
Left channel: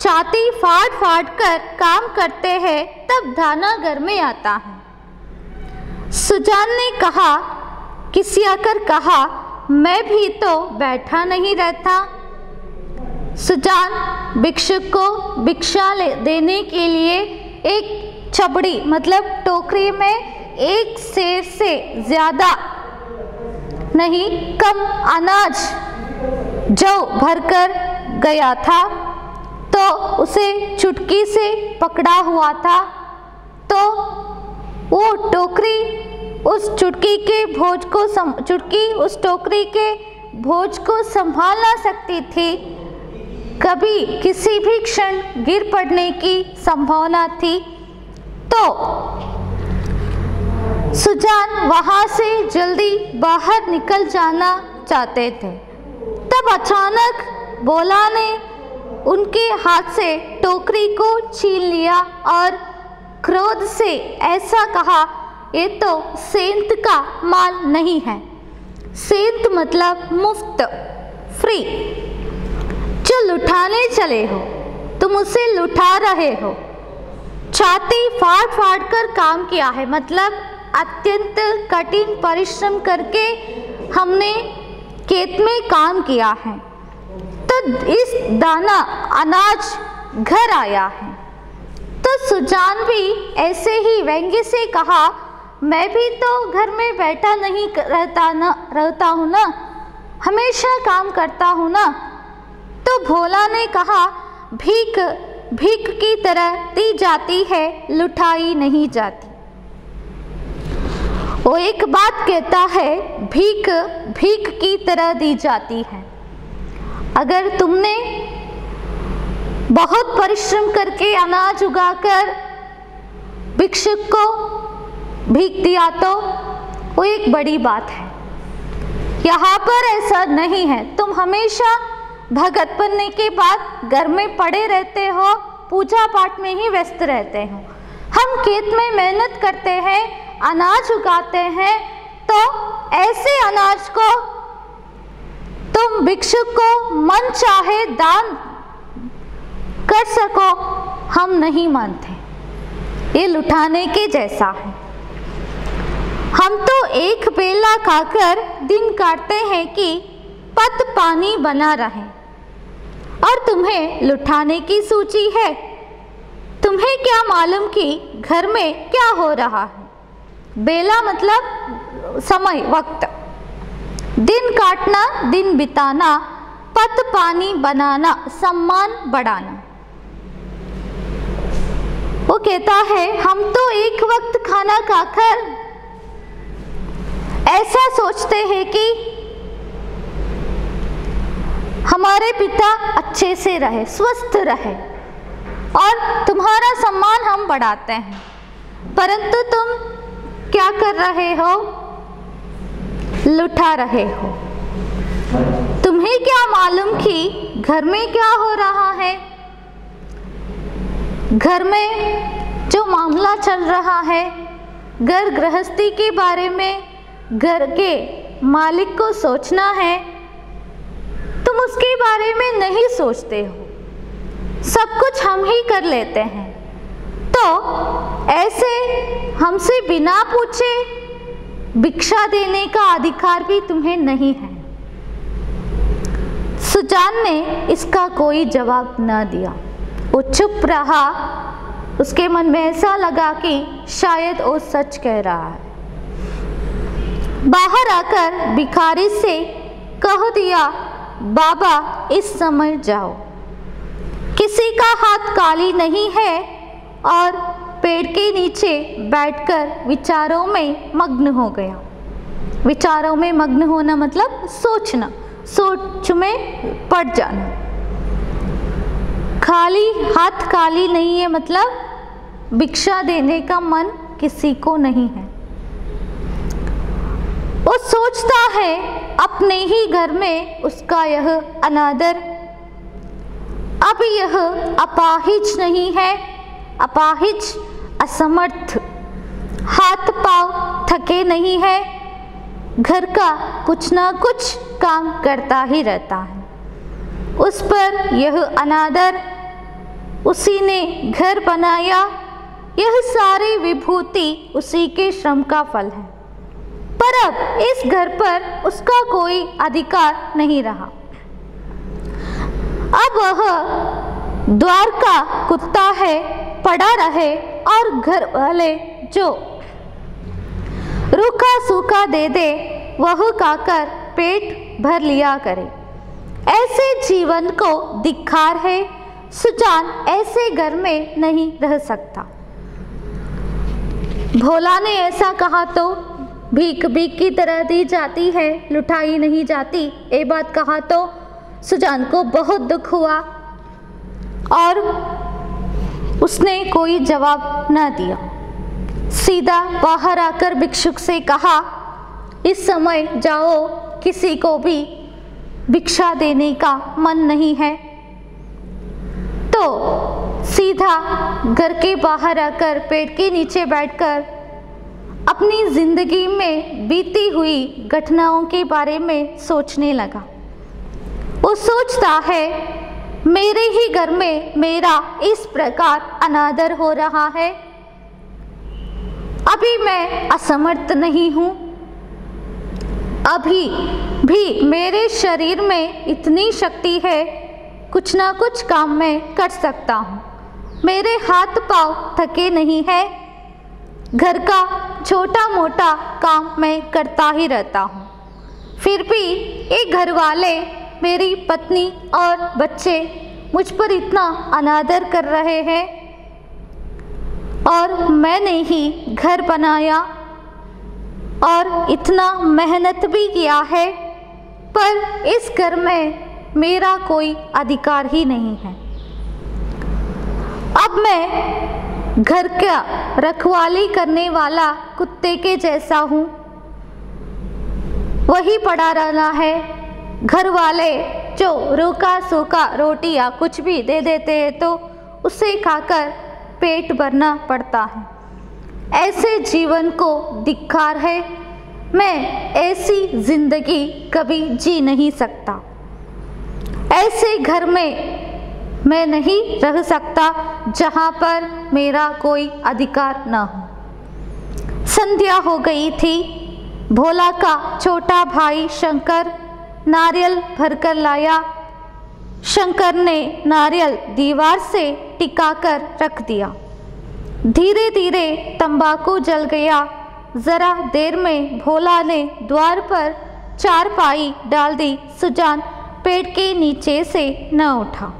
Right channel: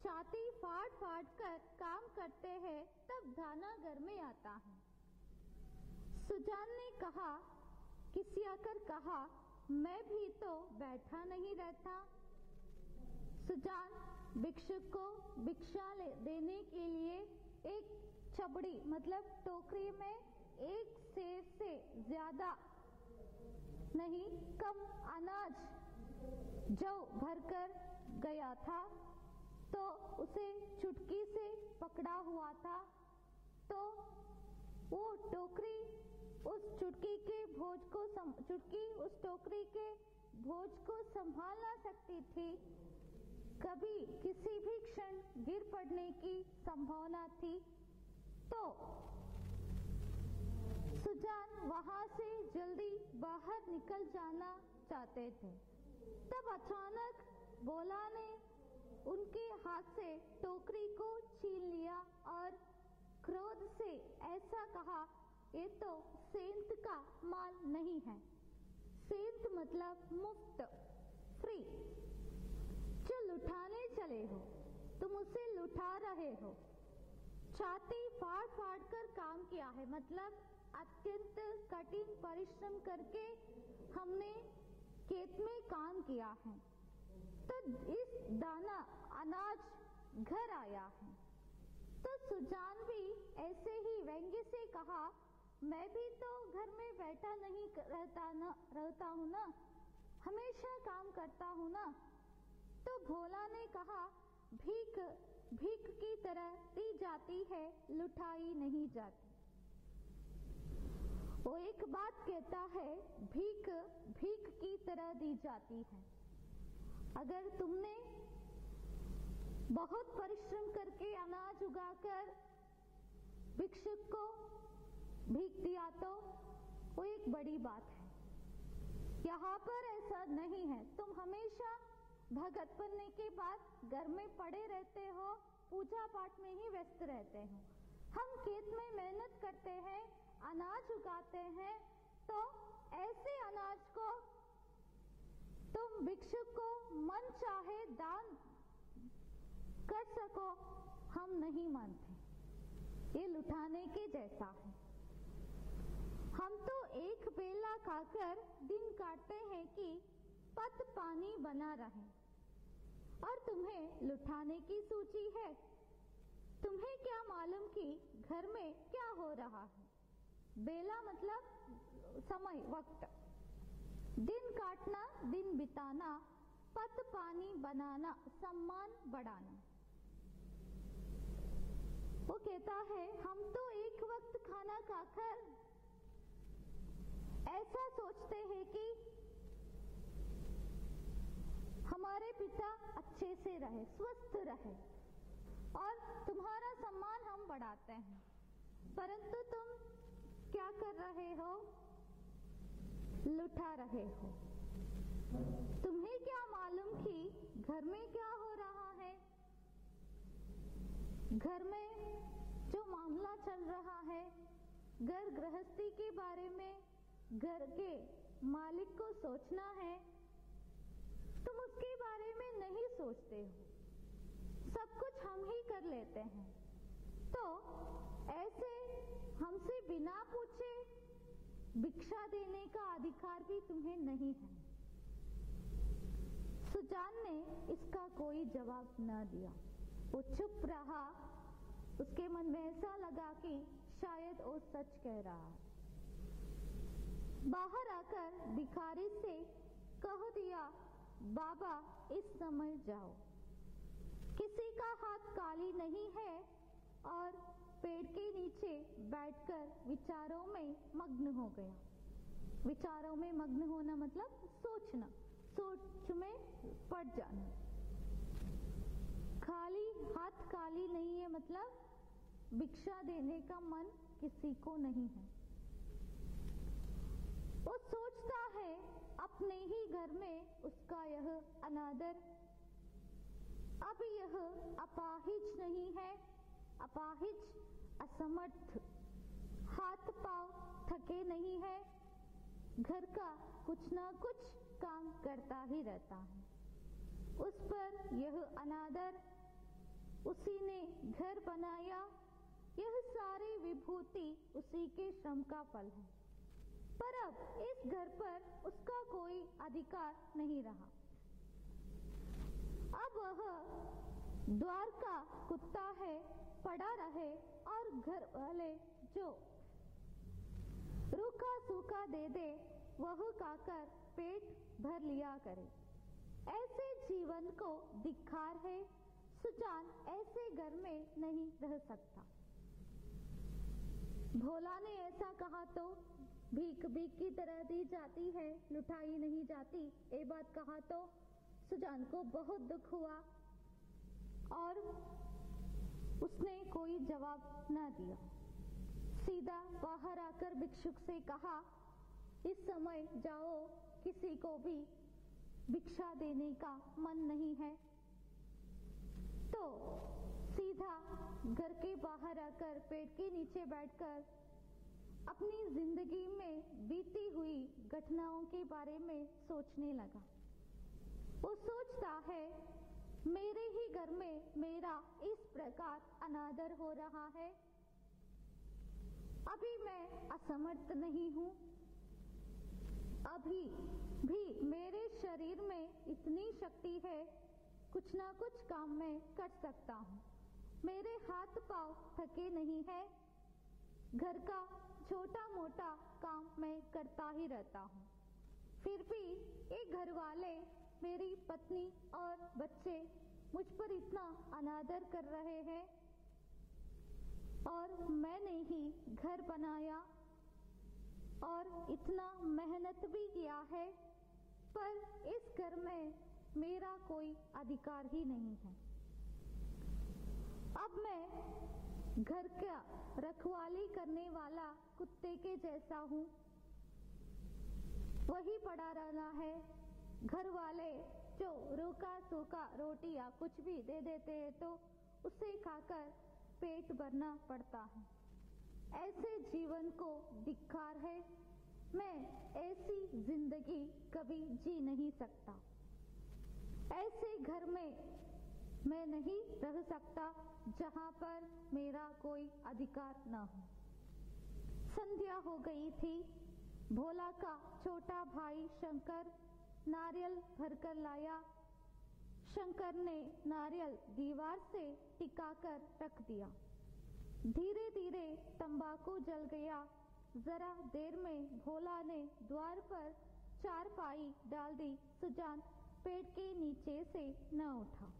छाती फाड़ फाड़ कर काम करते हैं तब दाना घर में आता है। सुजान ने कहा, किसी आकर कहा, मैं भी तो बैठा नहीं रहता। सुजान भिक्षुक को भिक्षा देने के लिए एक छबड़ी मतलब टोकरी में एक सेर से ज़्यादा नहीं, कम अनाज जौ भरकर गया था तो उसे चुटकी से पकड़ा हुआ था। तो वो टोकरी उस चुटकी के भोज को चुटकी उस टोकरी के भोज को संभाल ना सकती थी। कभी किसी भी क्षण गिर पड़ने की संभावना थी। तो सुजान वहां से जल्दी बाहर निकल जाना चाहते थे। तब अचानक भोला ने उनके हाथ से टोकरी को छीन लिया और क्रोध से ऐसा कहा, ये तो सेंत का माल नहीं है। सेंत मतलब मुफ्त, फ्री। जो लुटाने चले हो तुम उसे लुटा रहे हो। छाती फाड़ फाड़ कर काम किया है मतलब अत्यंत कठिन परिश्रम करके हमने खेत में काम किया है, तो इस दाना अनाज घर आया है। तो सुजान भी ऐसे ही व्यंग्य से कहा, मैं भी तो घर में बैठा नहीं रहता हूँ ना, हमेशा काम करता हूँ ना। तो भोला ने कहा, भीख भीख की तरह दी जाती है, लुटाई नहीं जाती। वो एक बात कहता है, भीख भीख की तरह दी जाती है। अगर तुमने बहुत परिश्रम करके अनाज उगाकर भिक्षुक को भीख दिया तो वो एक बड़ी बात है। यहाँ पर ऐसा नहीं है, तुम हमेशा भगत बनने के बाद घर में पड़े रहते हो, पूजा पाठ में ही व्यस्त रहते हो। हम खेत में मेहनत करते हैं अनाज उगाते हैं तो ऐसे अनाज को तुम भिक्षुक को मन चाहे दान कर सको, हम नहीं मानते। ये लुटाने के जैसा है। हम तो एक बेला खाकर दिन काटते हैं कि पत पानी बना रहे, और तुम्हें लुटाने की सूची है। तुम्हें क्या मालूम कि घर में क्या हो रहा है? बेला मतलब समय, वक्त। दिन काटना, दिन बिताना, पत पानी बनाना, सम्मान बढ़ाना। वो कहता है हम तो एक वक्त खाना खाकर ऐसा सोचते हैं कि हमारे पिता अच्छे से रहे, स्वस्थ रहे, और तुम्हारा सम्मान हम बढ़ाते हैं। परंतु तुम क्या कर रहे हो? लुटा रहे हो। तुम्हें क्या मालूम कि घर में क्या हो रहा है? घर में जो मामला चल रहा है, घर गृहस्थी के बारे में घर के मालिक को सोचना है, तुम उसके बारे में नहीं सोचते हो। सब कुछ हम ही कर लेते हैं। तो ऐसे हमसे बिना पूछे भिक्षा देने का अधिकार भी तुम्हें नहीं है। सुजान ने इसका कोई जवाब न दिया। वो चुप रहा। उसके मन में ऐसा लगा कि शायद वो सच कह रहा है। बाहर आकर भिखारी से कह दिया, बाबा इस समय जाओ। किसी का हाथ खाली नहीं है, और पेड़ के नीचे बैठकर विचारों में मग्न हो गया। विचारों में मग्न होना मतलब सोचना, सोच में पड़ जाना। खाली हाथ खाली नहीं है मतलब भिक्षा देने का मन किसी को नहीं है। वो सोचता है अपने ही घर में उसका यह अनादर। अब यह अपाहिज नहीं है, अपाहिज असमर्थ, हाथ पांव थके नहीं है, घर का कुछ ना कुछ काम करता ही रहता है। उस पर यह अनादर, उसी ने घर बनाया, यह सारी विभूति उसी के श्रम का फल है। पर अब इस घर पर उसका कोई अधिकार नहीं रहा। अब वह द्वार का कुत्ता है, पड़ा रहे, और घर वाले जो रूखा सूखा दे दे वह खाकर पेट भर लिया करे। ऐसे जीवन को धिक्कार है। सुजान ऐसे घर में नहीं रह सकता। भोला ने ऐसा कहा तो भीख भीख की तरह दी जाती है, लुटाई नहीं जाती। ये बात कहा तो सुजान को बहुत दुख हुआ और उसने कोई जवाब न दिया। सीधा बाहर आकर भिक्षुक से कहा, इस समय जाओ, किसी को भी भिक्षा देने का मन नहीं है। तो सीधा घर के बाहर आकर पेड़ के नीचे बैठकर अपनी जिंदगी में बीती हुई घटनाओं के बारे में सोचने लगा। वो सोचता है, मेरे ही घर में मेरा इस प्रकार अनादर हो रहा है। अभी मैं असमर्थ नहीं हूँ, अभी भी मेरे शरीर में इतनी शक्ति है, कुछ ना कुछ काम मैं कर सकता हूँ। मेरे हाथ पांव थके नहीं है, घर का छोटा मोटा काम मैं करता ही रहता हूँ। फिर भी ये घर वाले, मेरी पत्नी और बच्चे मुझ पर इतना अनादर कर रहे हैं, और मैंने ही घर बनाया और इतना मेहनत भी किया है, पर इस घर में मेरा कोई अधिकार ही नहीं है। अब मैं घर का रखवाली करने वाला कुत्ते के जैसा हूँ, वही पड़ा रहना है। घर वाले जो रूखा सूखा रोटी या कुछ भी दे देते हैं तो उसे खाकर पेट भरना पड़ता है। ऐसे जीवन को धिक्कार है। मैं ऐसी जिंदगी कभी जी नहीं सकता। ऐसे घर में मैं नहीं रह सकता जहाँ पर मेरा कोई अधिकार न हो। संध्या हो गई थी। भोला का छोटा भाई शंकर नारियल भरकर लाया। शंकर ने नारियल दीवार से टिकाकर रख दिया। धीरे धीरे तंबाकू जल गया। जरा देर में भोला ने द्वार पर चारपाई डाल दी। सुजान पेड़ के नीचे से न उठा।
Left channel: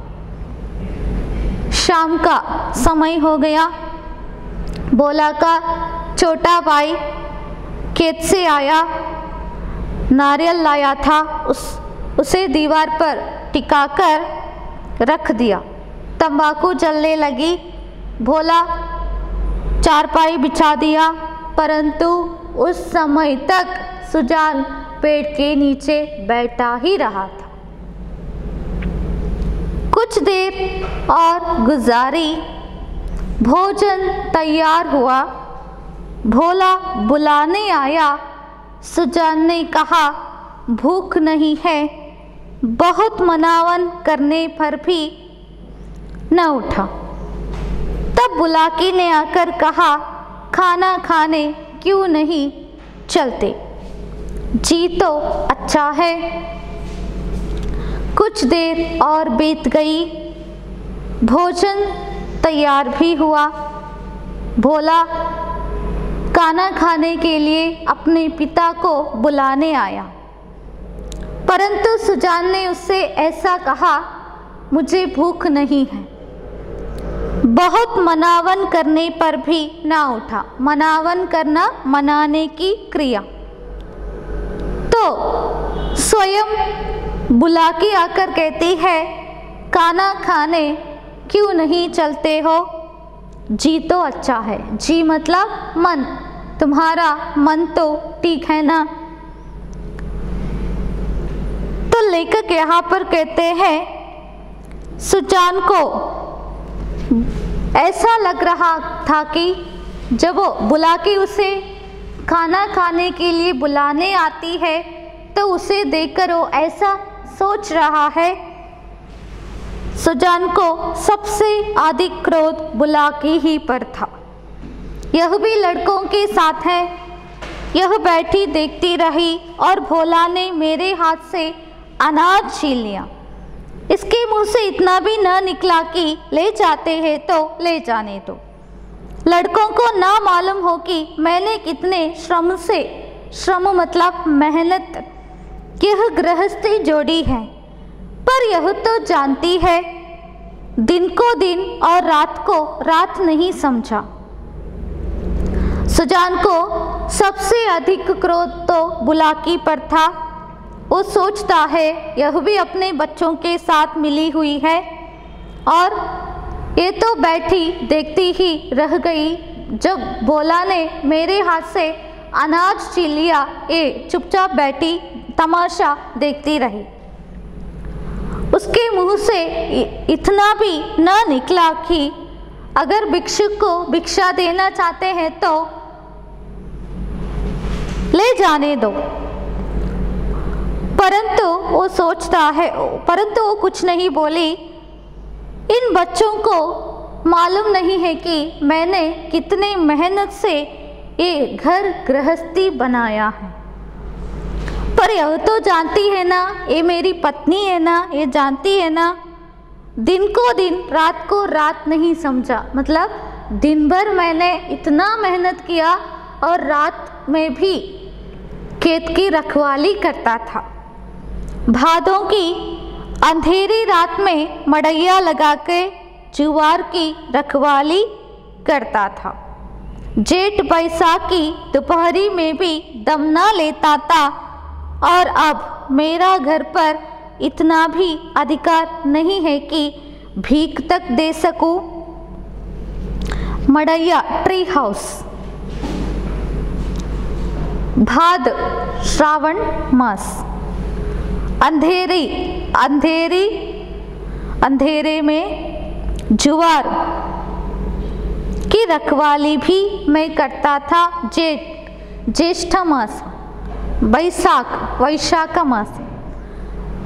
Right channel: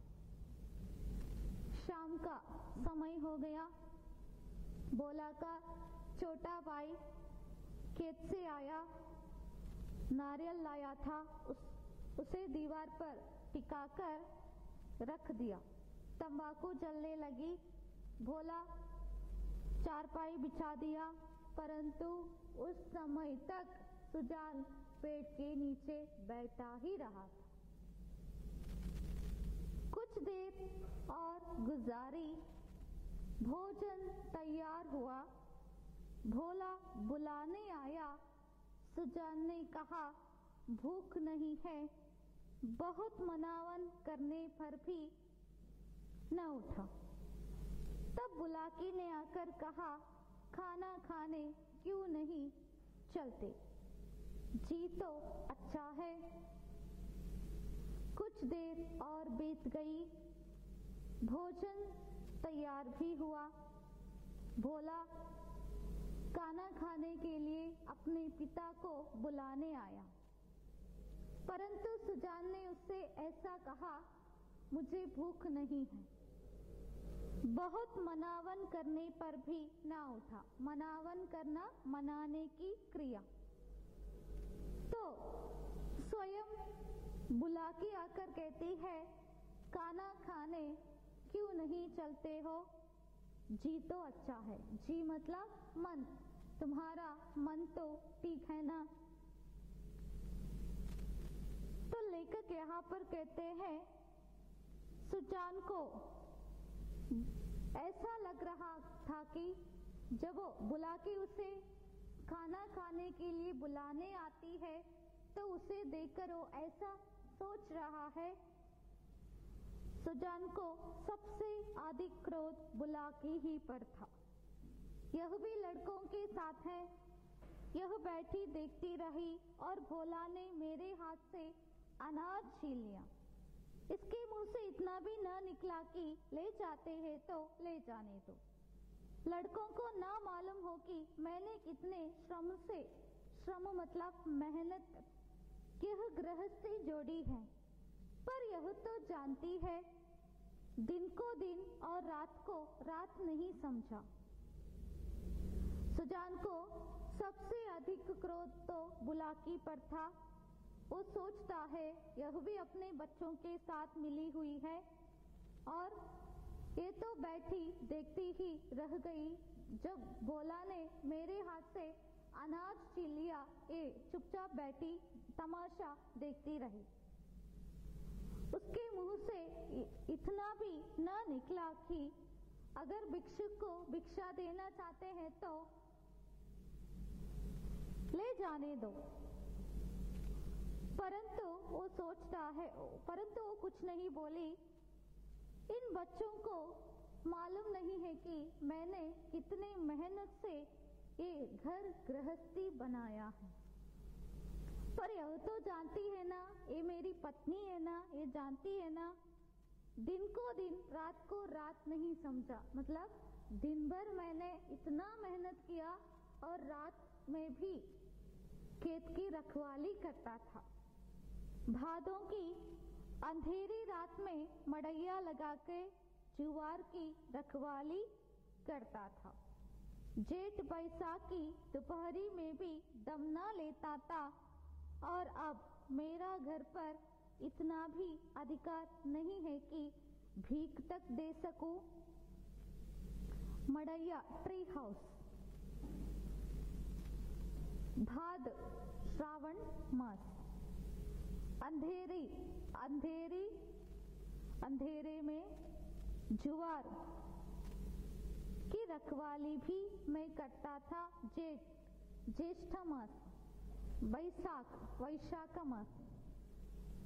शाम का समय हो गया। भोला का छोटा भाई खेत से आया, नारियल लाया था, उसे दीवार पर टिकाकर रख दिया। तंबाकू जलने लगी। भोला चारपाई बिछा दिया, परंतु उस समय तक सुजान पेड़ के नीचे बैठा ही रहा था। कुछ देर और गुजारी। भोजन तैयार हुआ। भोला बुलाने आया। सुजान ने कहा, भूख नहीं है। बहुत मनावन करने पर भी न उठा। तब बुलाकी ने आकर कहा, खाना खाने क्यों नहीं चलते? जी तो अच्छा है। कुछ देर और बीत गई। भोजन तैयार भी हुआ। भोला खाना खाने के लिए अपने पिता को बुलाने आया, परंतु सुजान ने उससे ऐसा कहा, मुझे भूख नहीं है। बहुत मनावन करने पर भी ना उठा। मनावन करना, मनाने की क्रिया। तो स्वयं बुलाकी आकर कहती है, खाना खाने क्यों नहीं चलते हो? जी तो अच्छा है। जी मतलब मन। तुम्हारा मन तो ठीक है ना? तो लेखक यहाँ पर कहते हैं, सुजान को ऐसा लग रहा था कि जब वो बुलाके उसे खाना खाने के लिए बुलाने आती है तो उसे देखकर वो ऐसा सोच रहा है। सुजान को सबसे अधिक क्रोध बुलाकी ही पर था। यह भी लड़कों के साथ है। यह बैठी देखती रही और भोला ने मेरे हाथ से अनाज छीन लिया। इसके मुंह से इतना भी न निकला कि ले जाते हैं तो ले जाने दो। लड़कों को ना मालूम हो कि मैंने कितने श्रम मतलब मेहनत, यह गृहस्थी जोड़ी है। पर यह तो जानती है, दिन को दिन और रात को रात नहीं समझा। सुजान को सबसे अधिक क्रोध तो बुलाकी पर था। वो सोचता है यह भी अपने बच्चों के साथ मिली हुई है और ये तो बैठी देखती ही रह गई। जब भोला ने मेरे हाथ से अनाज छीन लिया, ये चुपचाप बैठी तमाशा देखती रही। उसके मुंह से इतना भी न निकला कि अगर भिक्षुक को भिक्षा देना चाहते हैं तो ले जाने दो। परंतु वो सोचता है, परंतु वो कुछ नहीं बोली। इन बच्चों को मालूम नहीं है कि मैंने कितने मेहनत से ये घर गृहस्थी बनाया है। पर यह तो जानती है ना, ये मेरी पत्नी है ना, ये जानती है ना, दिन को दिन रात को रात नहीं समझा। मतलब दिन भर मैंने इतना मेहनत किया और रात में भी खेत की रखवाली करता था। भादों की अंधेरी रात में मड़ैया लगा के जुवार की रखवाली करता था। जेठ बैसाखी दोपहरी में भी दम न लेता था। और अब मेरा घर पर इतना भी अधिकार नहीं है कि भीख तक दे सकूं। मड़ैया ट्री हाउस। भाद श्रावण मास। अंधेरे में जुवार की उसकी रखवाली भी मैं करता था। ज्येष्ठ मास, वैशाख मास।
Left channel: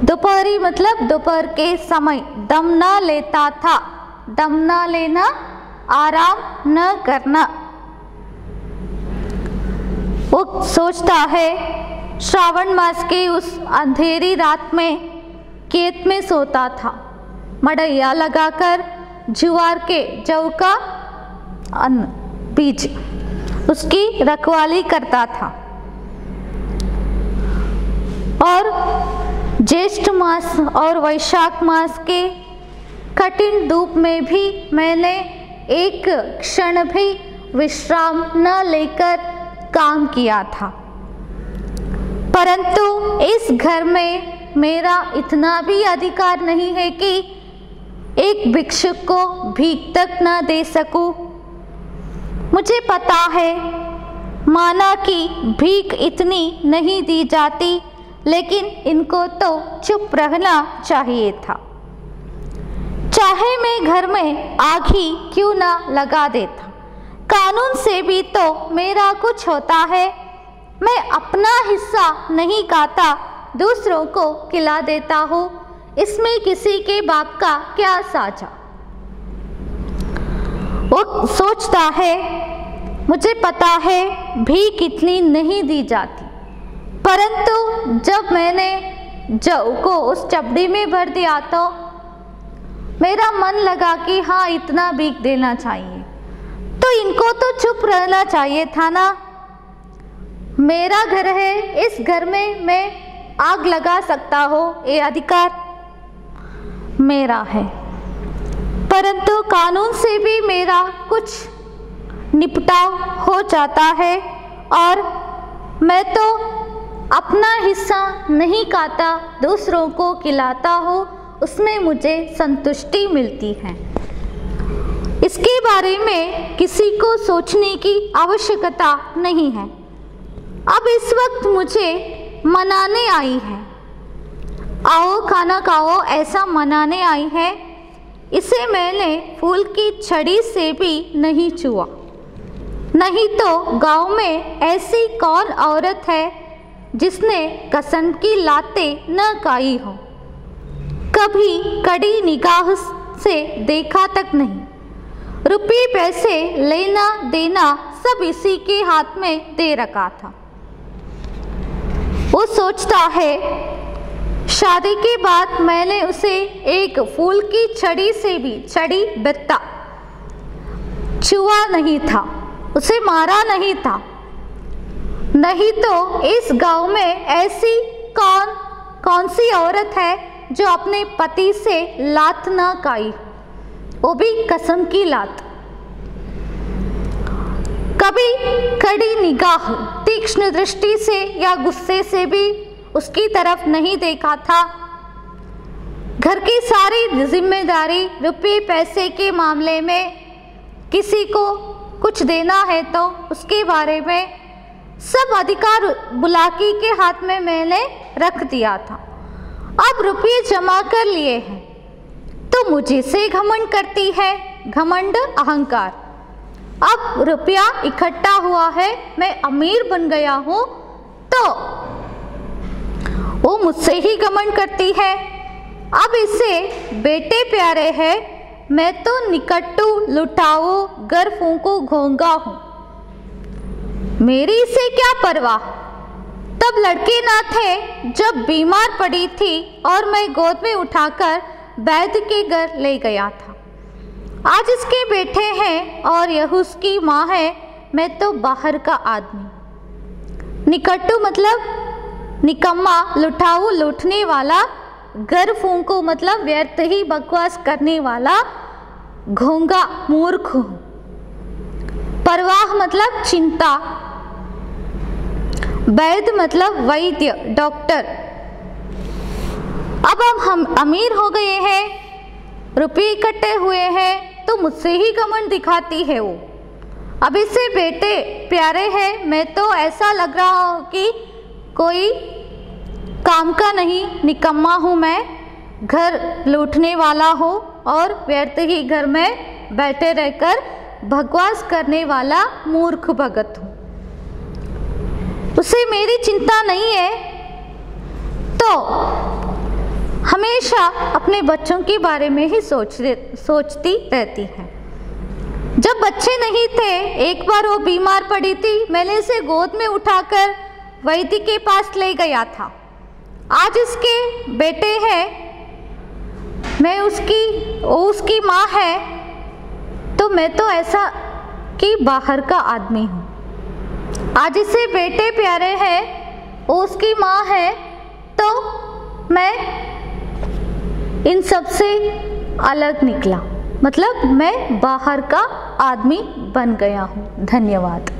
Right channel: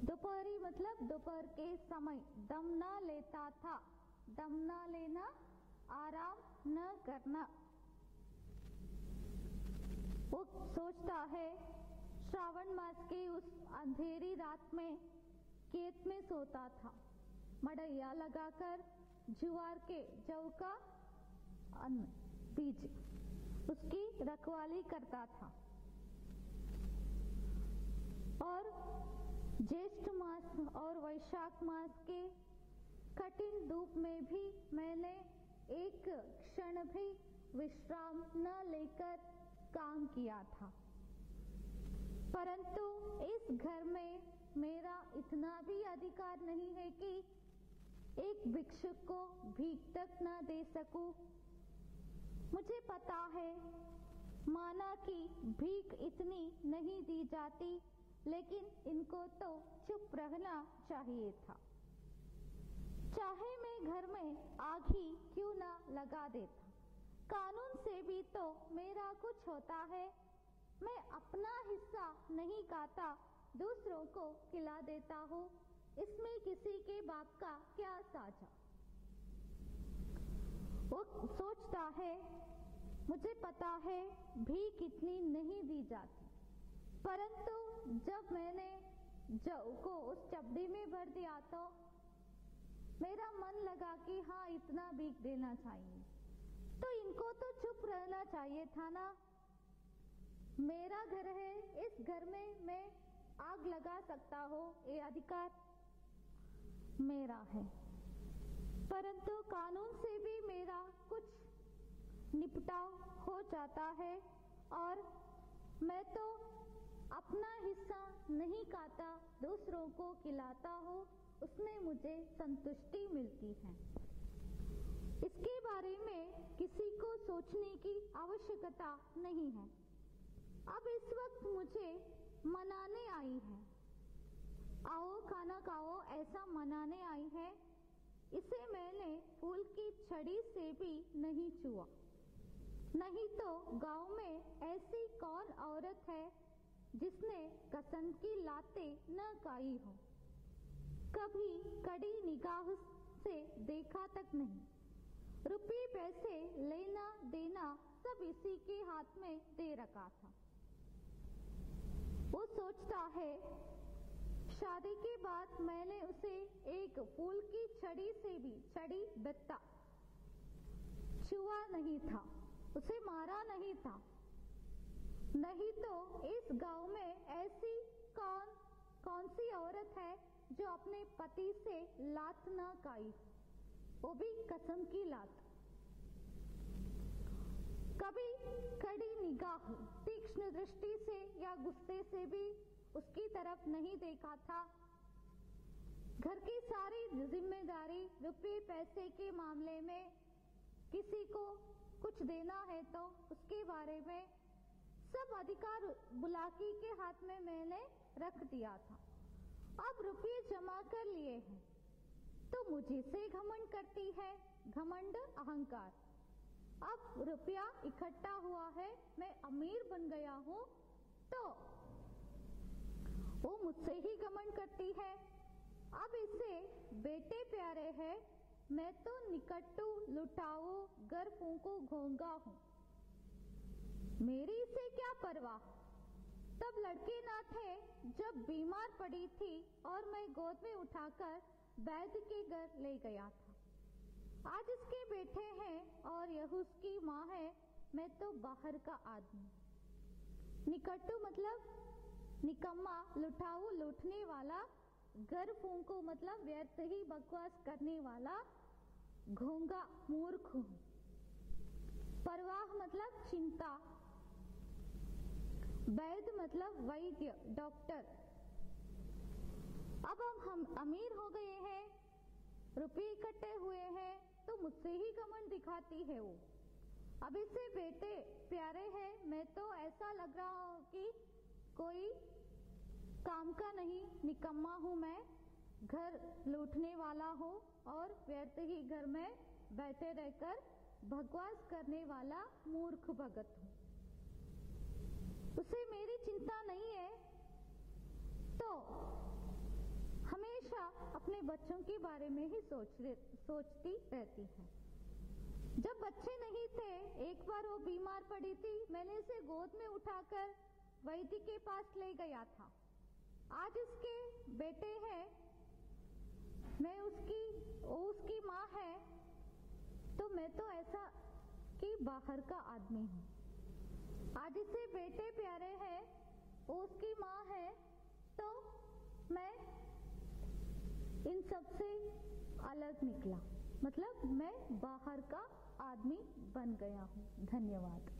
दोपहरी मतलब दोपहर के समय दम न लेता था। दम न लेना, आराम न करना। वो सोचता है श्रावण मास के उस अंधेरी रात में खेत में सोता था, मड़ैया लगाकर जौ का अन्न बीज उसकी रखवाली करता था। और ज्येष्ठ मास और वैशाख मास के कठिन धूप में भी मैंने एक क्षण भी विश्राम न लेकर काम किया था। परंतु इस घर में मेरा इतना भी अधिकार नहीं है कि एक भिक्षुक को भीख तक न दे सकूं। मुझे पता है माना कि भीख इतनी नहीं दी जाती, लेकिन इनको तो चुप रहना चाहिए था। चाहे मैं घर में आग ही क्यों ना लगा देता, कानून से भी तो मेरा कुछ होता है। मैं अपना हिस्सा नहीं खाता, दूसरों को खिला देता हूँ, इसमें किसी के बाप का क्या साझा। वो सोचता है मुझे पता है भीख इतनी नहीं दी जाती, परंतु जब मैंने जौ को उस चपड़ी में भर दिया तो मेरा मन लगा कि हाँ इतना भीख देना चाहिए, तो इनको तो चुप रहना चाहिए था ना। मेरा घर है, इस घर में मैं आग लगा सकता हूँ, ये अधिकार मेरा है। परंतु कानून से भी मेरा कुछ निपटाव हो जाता है और मैं तो अपना हिस्सा नहीं खाता, दूसरों को खिलाता हूँ, उसमें मुझे संतुष्टि मिलती है। इसके बारे में किसी को सोचने की आवश्यकता नहीं है। अब इस वक्त मुझे मनाने आई है, आओ खाना खाओ ऐसा मनाने आई है। इसे मैंने फूल की छड़ी से भी नहीं छुआ। नहीं तो गांव में ऐसी कौन औरत है जिसने कसम की लातें न खाई हो, कभी कड़ी निगाह से देखा तक नहीं। रुपये पैसे लेना देना सब इसी के हाथ में दे रखा था। वो सोचता है शादी के बाद मैंने उसे एक फूल की छड़ी से भी बित्ता छुआ नहीं था, उसे मारा नहीं था। नहीं तो इस गांव में ऐसी कौन सी औरत है जो अपने पति से लात ना खाई, वो भी कसम की लात। कभी कड़ी निगाह, तीक्ष्ण दृष्टि से या गुस्से से भी उसकी तरफ नहीं देखा था। घर की सारी जिम्मेदारी रुपये पैसे के मामले में किसी को कुछ देना है तो उसके बारे में सब अधिकार बुलाकी के हाथ में मैंने रख दिया था। अब रुपये जमा कर लिए हैं तो मुझे से घमंड करती है, घमंड अहंकार। अब रुपया इकट्ठा हुआ है, मैं अमीर बन गया हूँ तो वो मुझसे ही घमंड करती है। अब इसे बेटे प्यारे हैं, मैं तो निकट्टू लुटाऊ गर फूंकू घोंगा हूँ, मेरी इसे क्या परवाह। तब लड़के ना थे जब बीमार पड़ी थी और मैं गोद में उठाकर वैद्य के घर ले गया था। आज इसके बेटे हैं और यह उसकी माँ है, मैं तो बाहर का आदमी। निकट्टू मतलब निकम्मा, लुटाऊ लूटने वाला, गर फूंकू मतलब व्यर्थ ही बकवास करने वाला, घोंगा मूर्ख हूँ। परवाह मतलब चिंता, वैद्य मतलब वैद्य डॉक्टर। अब हम अमीर हो गए हैं, रुपये इकट्ठे हुए हैं तो मुझसे ही घमंड दिखाती है वो। अब इसे बेटे प्यारे हैं, मैं तो ऐसा लग रहा हो कि कोई काम का नहीं, निकम्मा हूँ मैं, घर लूटने वाला हूँ और व्यर्थ ही घर में बैठे रहकर बकवास करने वाला मूर्ख भगत हूँ। उसे मेरी चिंता नहीं है तो हमेशा अपने बच्चों के बारे में ही सोचती रहती है। जब बच्चे नहीं थे, एक बार वो बीमार पड़ी थी, मैंने इसे गोद में उठाकर वैद्य के पास ले गया था। आज उसके बेटे हैं, मैं उसकी माँ है, तो मैं तो ऐसा कि बाहर का आदमी हूँ। आज इसे बेटे प्यारे हैं, वो उसकी माँ है, तो मैं इन सब से अलग निकला, मतलब मैं बाहर का आदमी बन गया हूँ। धन्यवाद।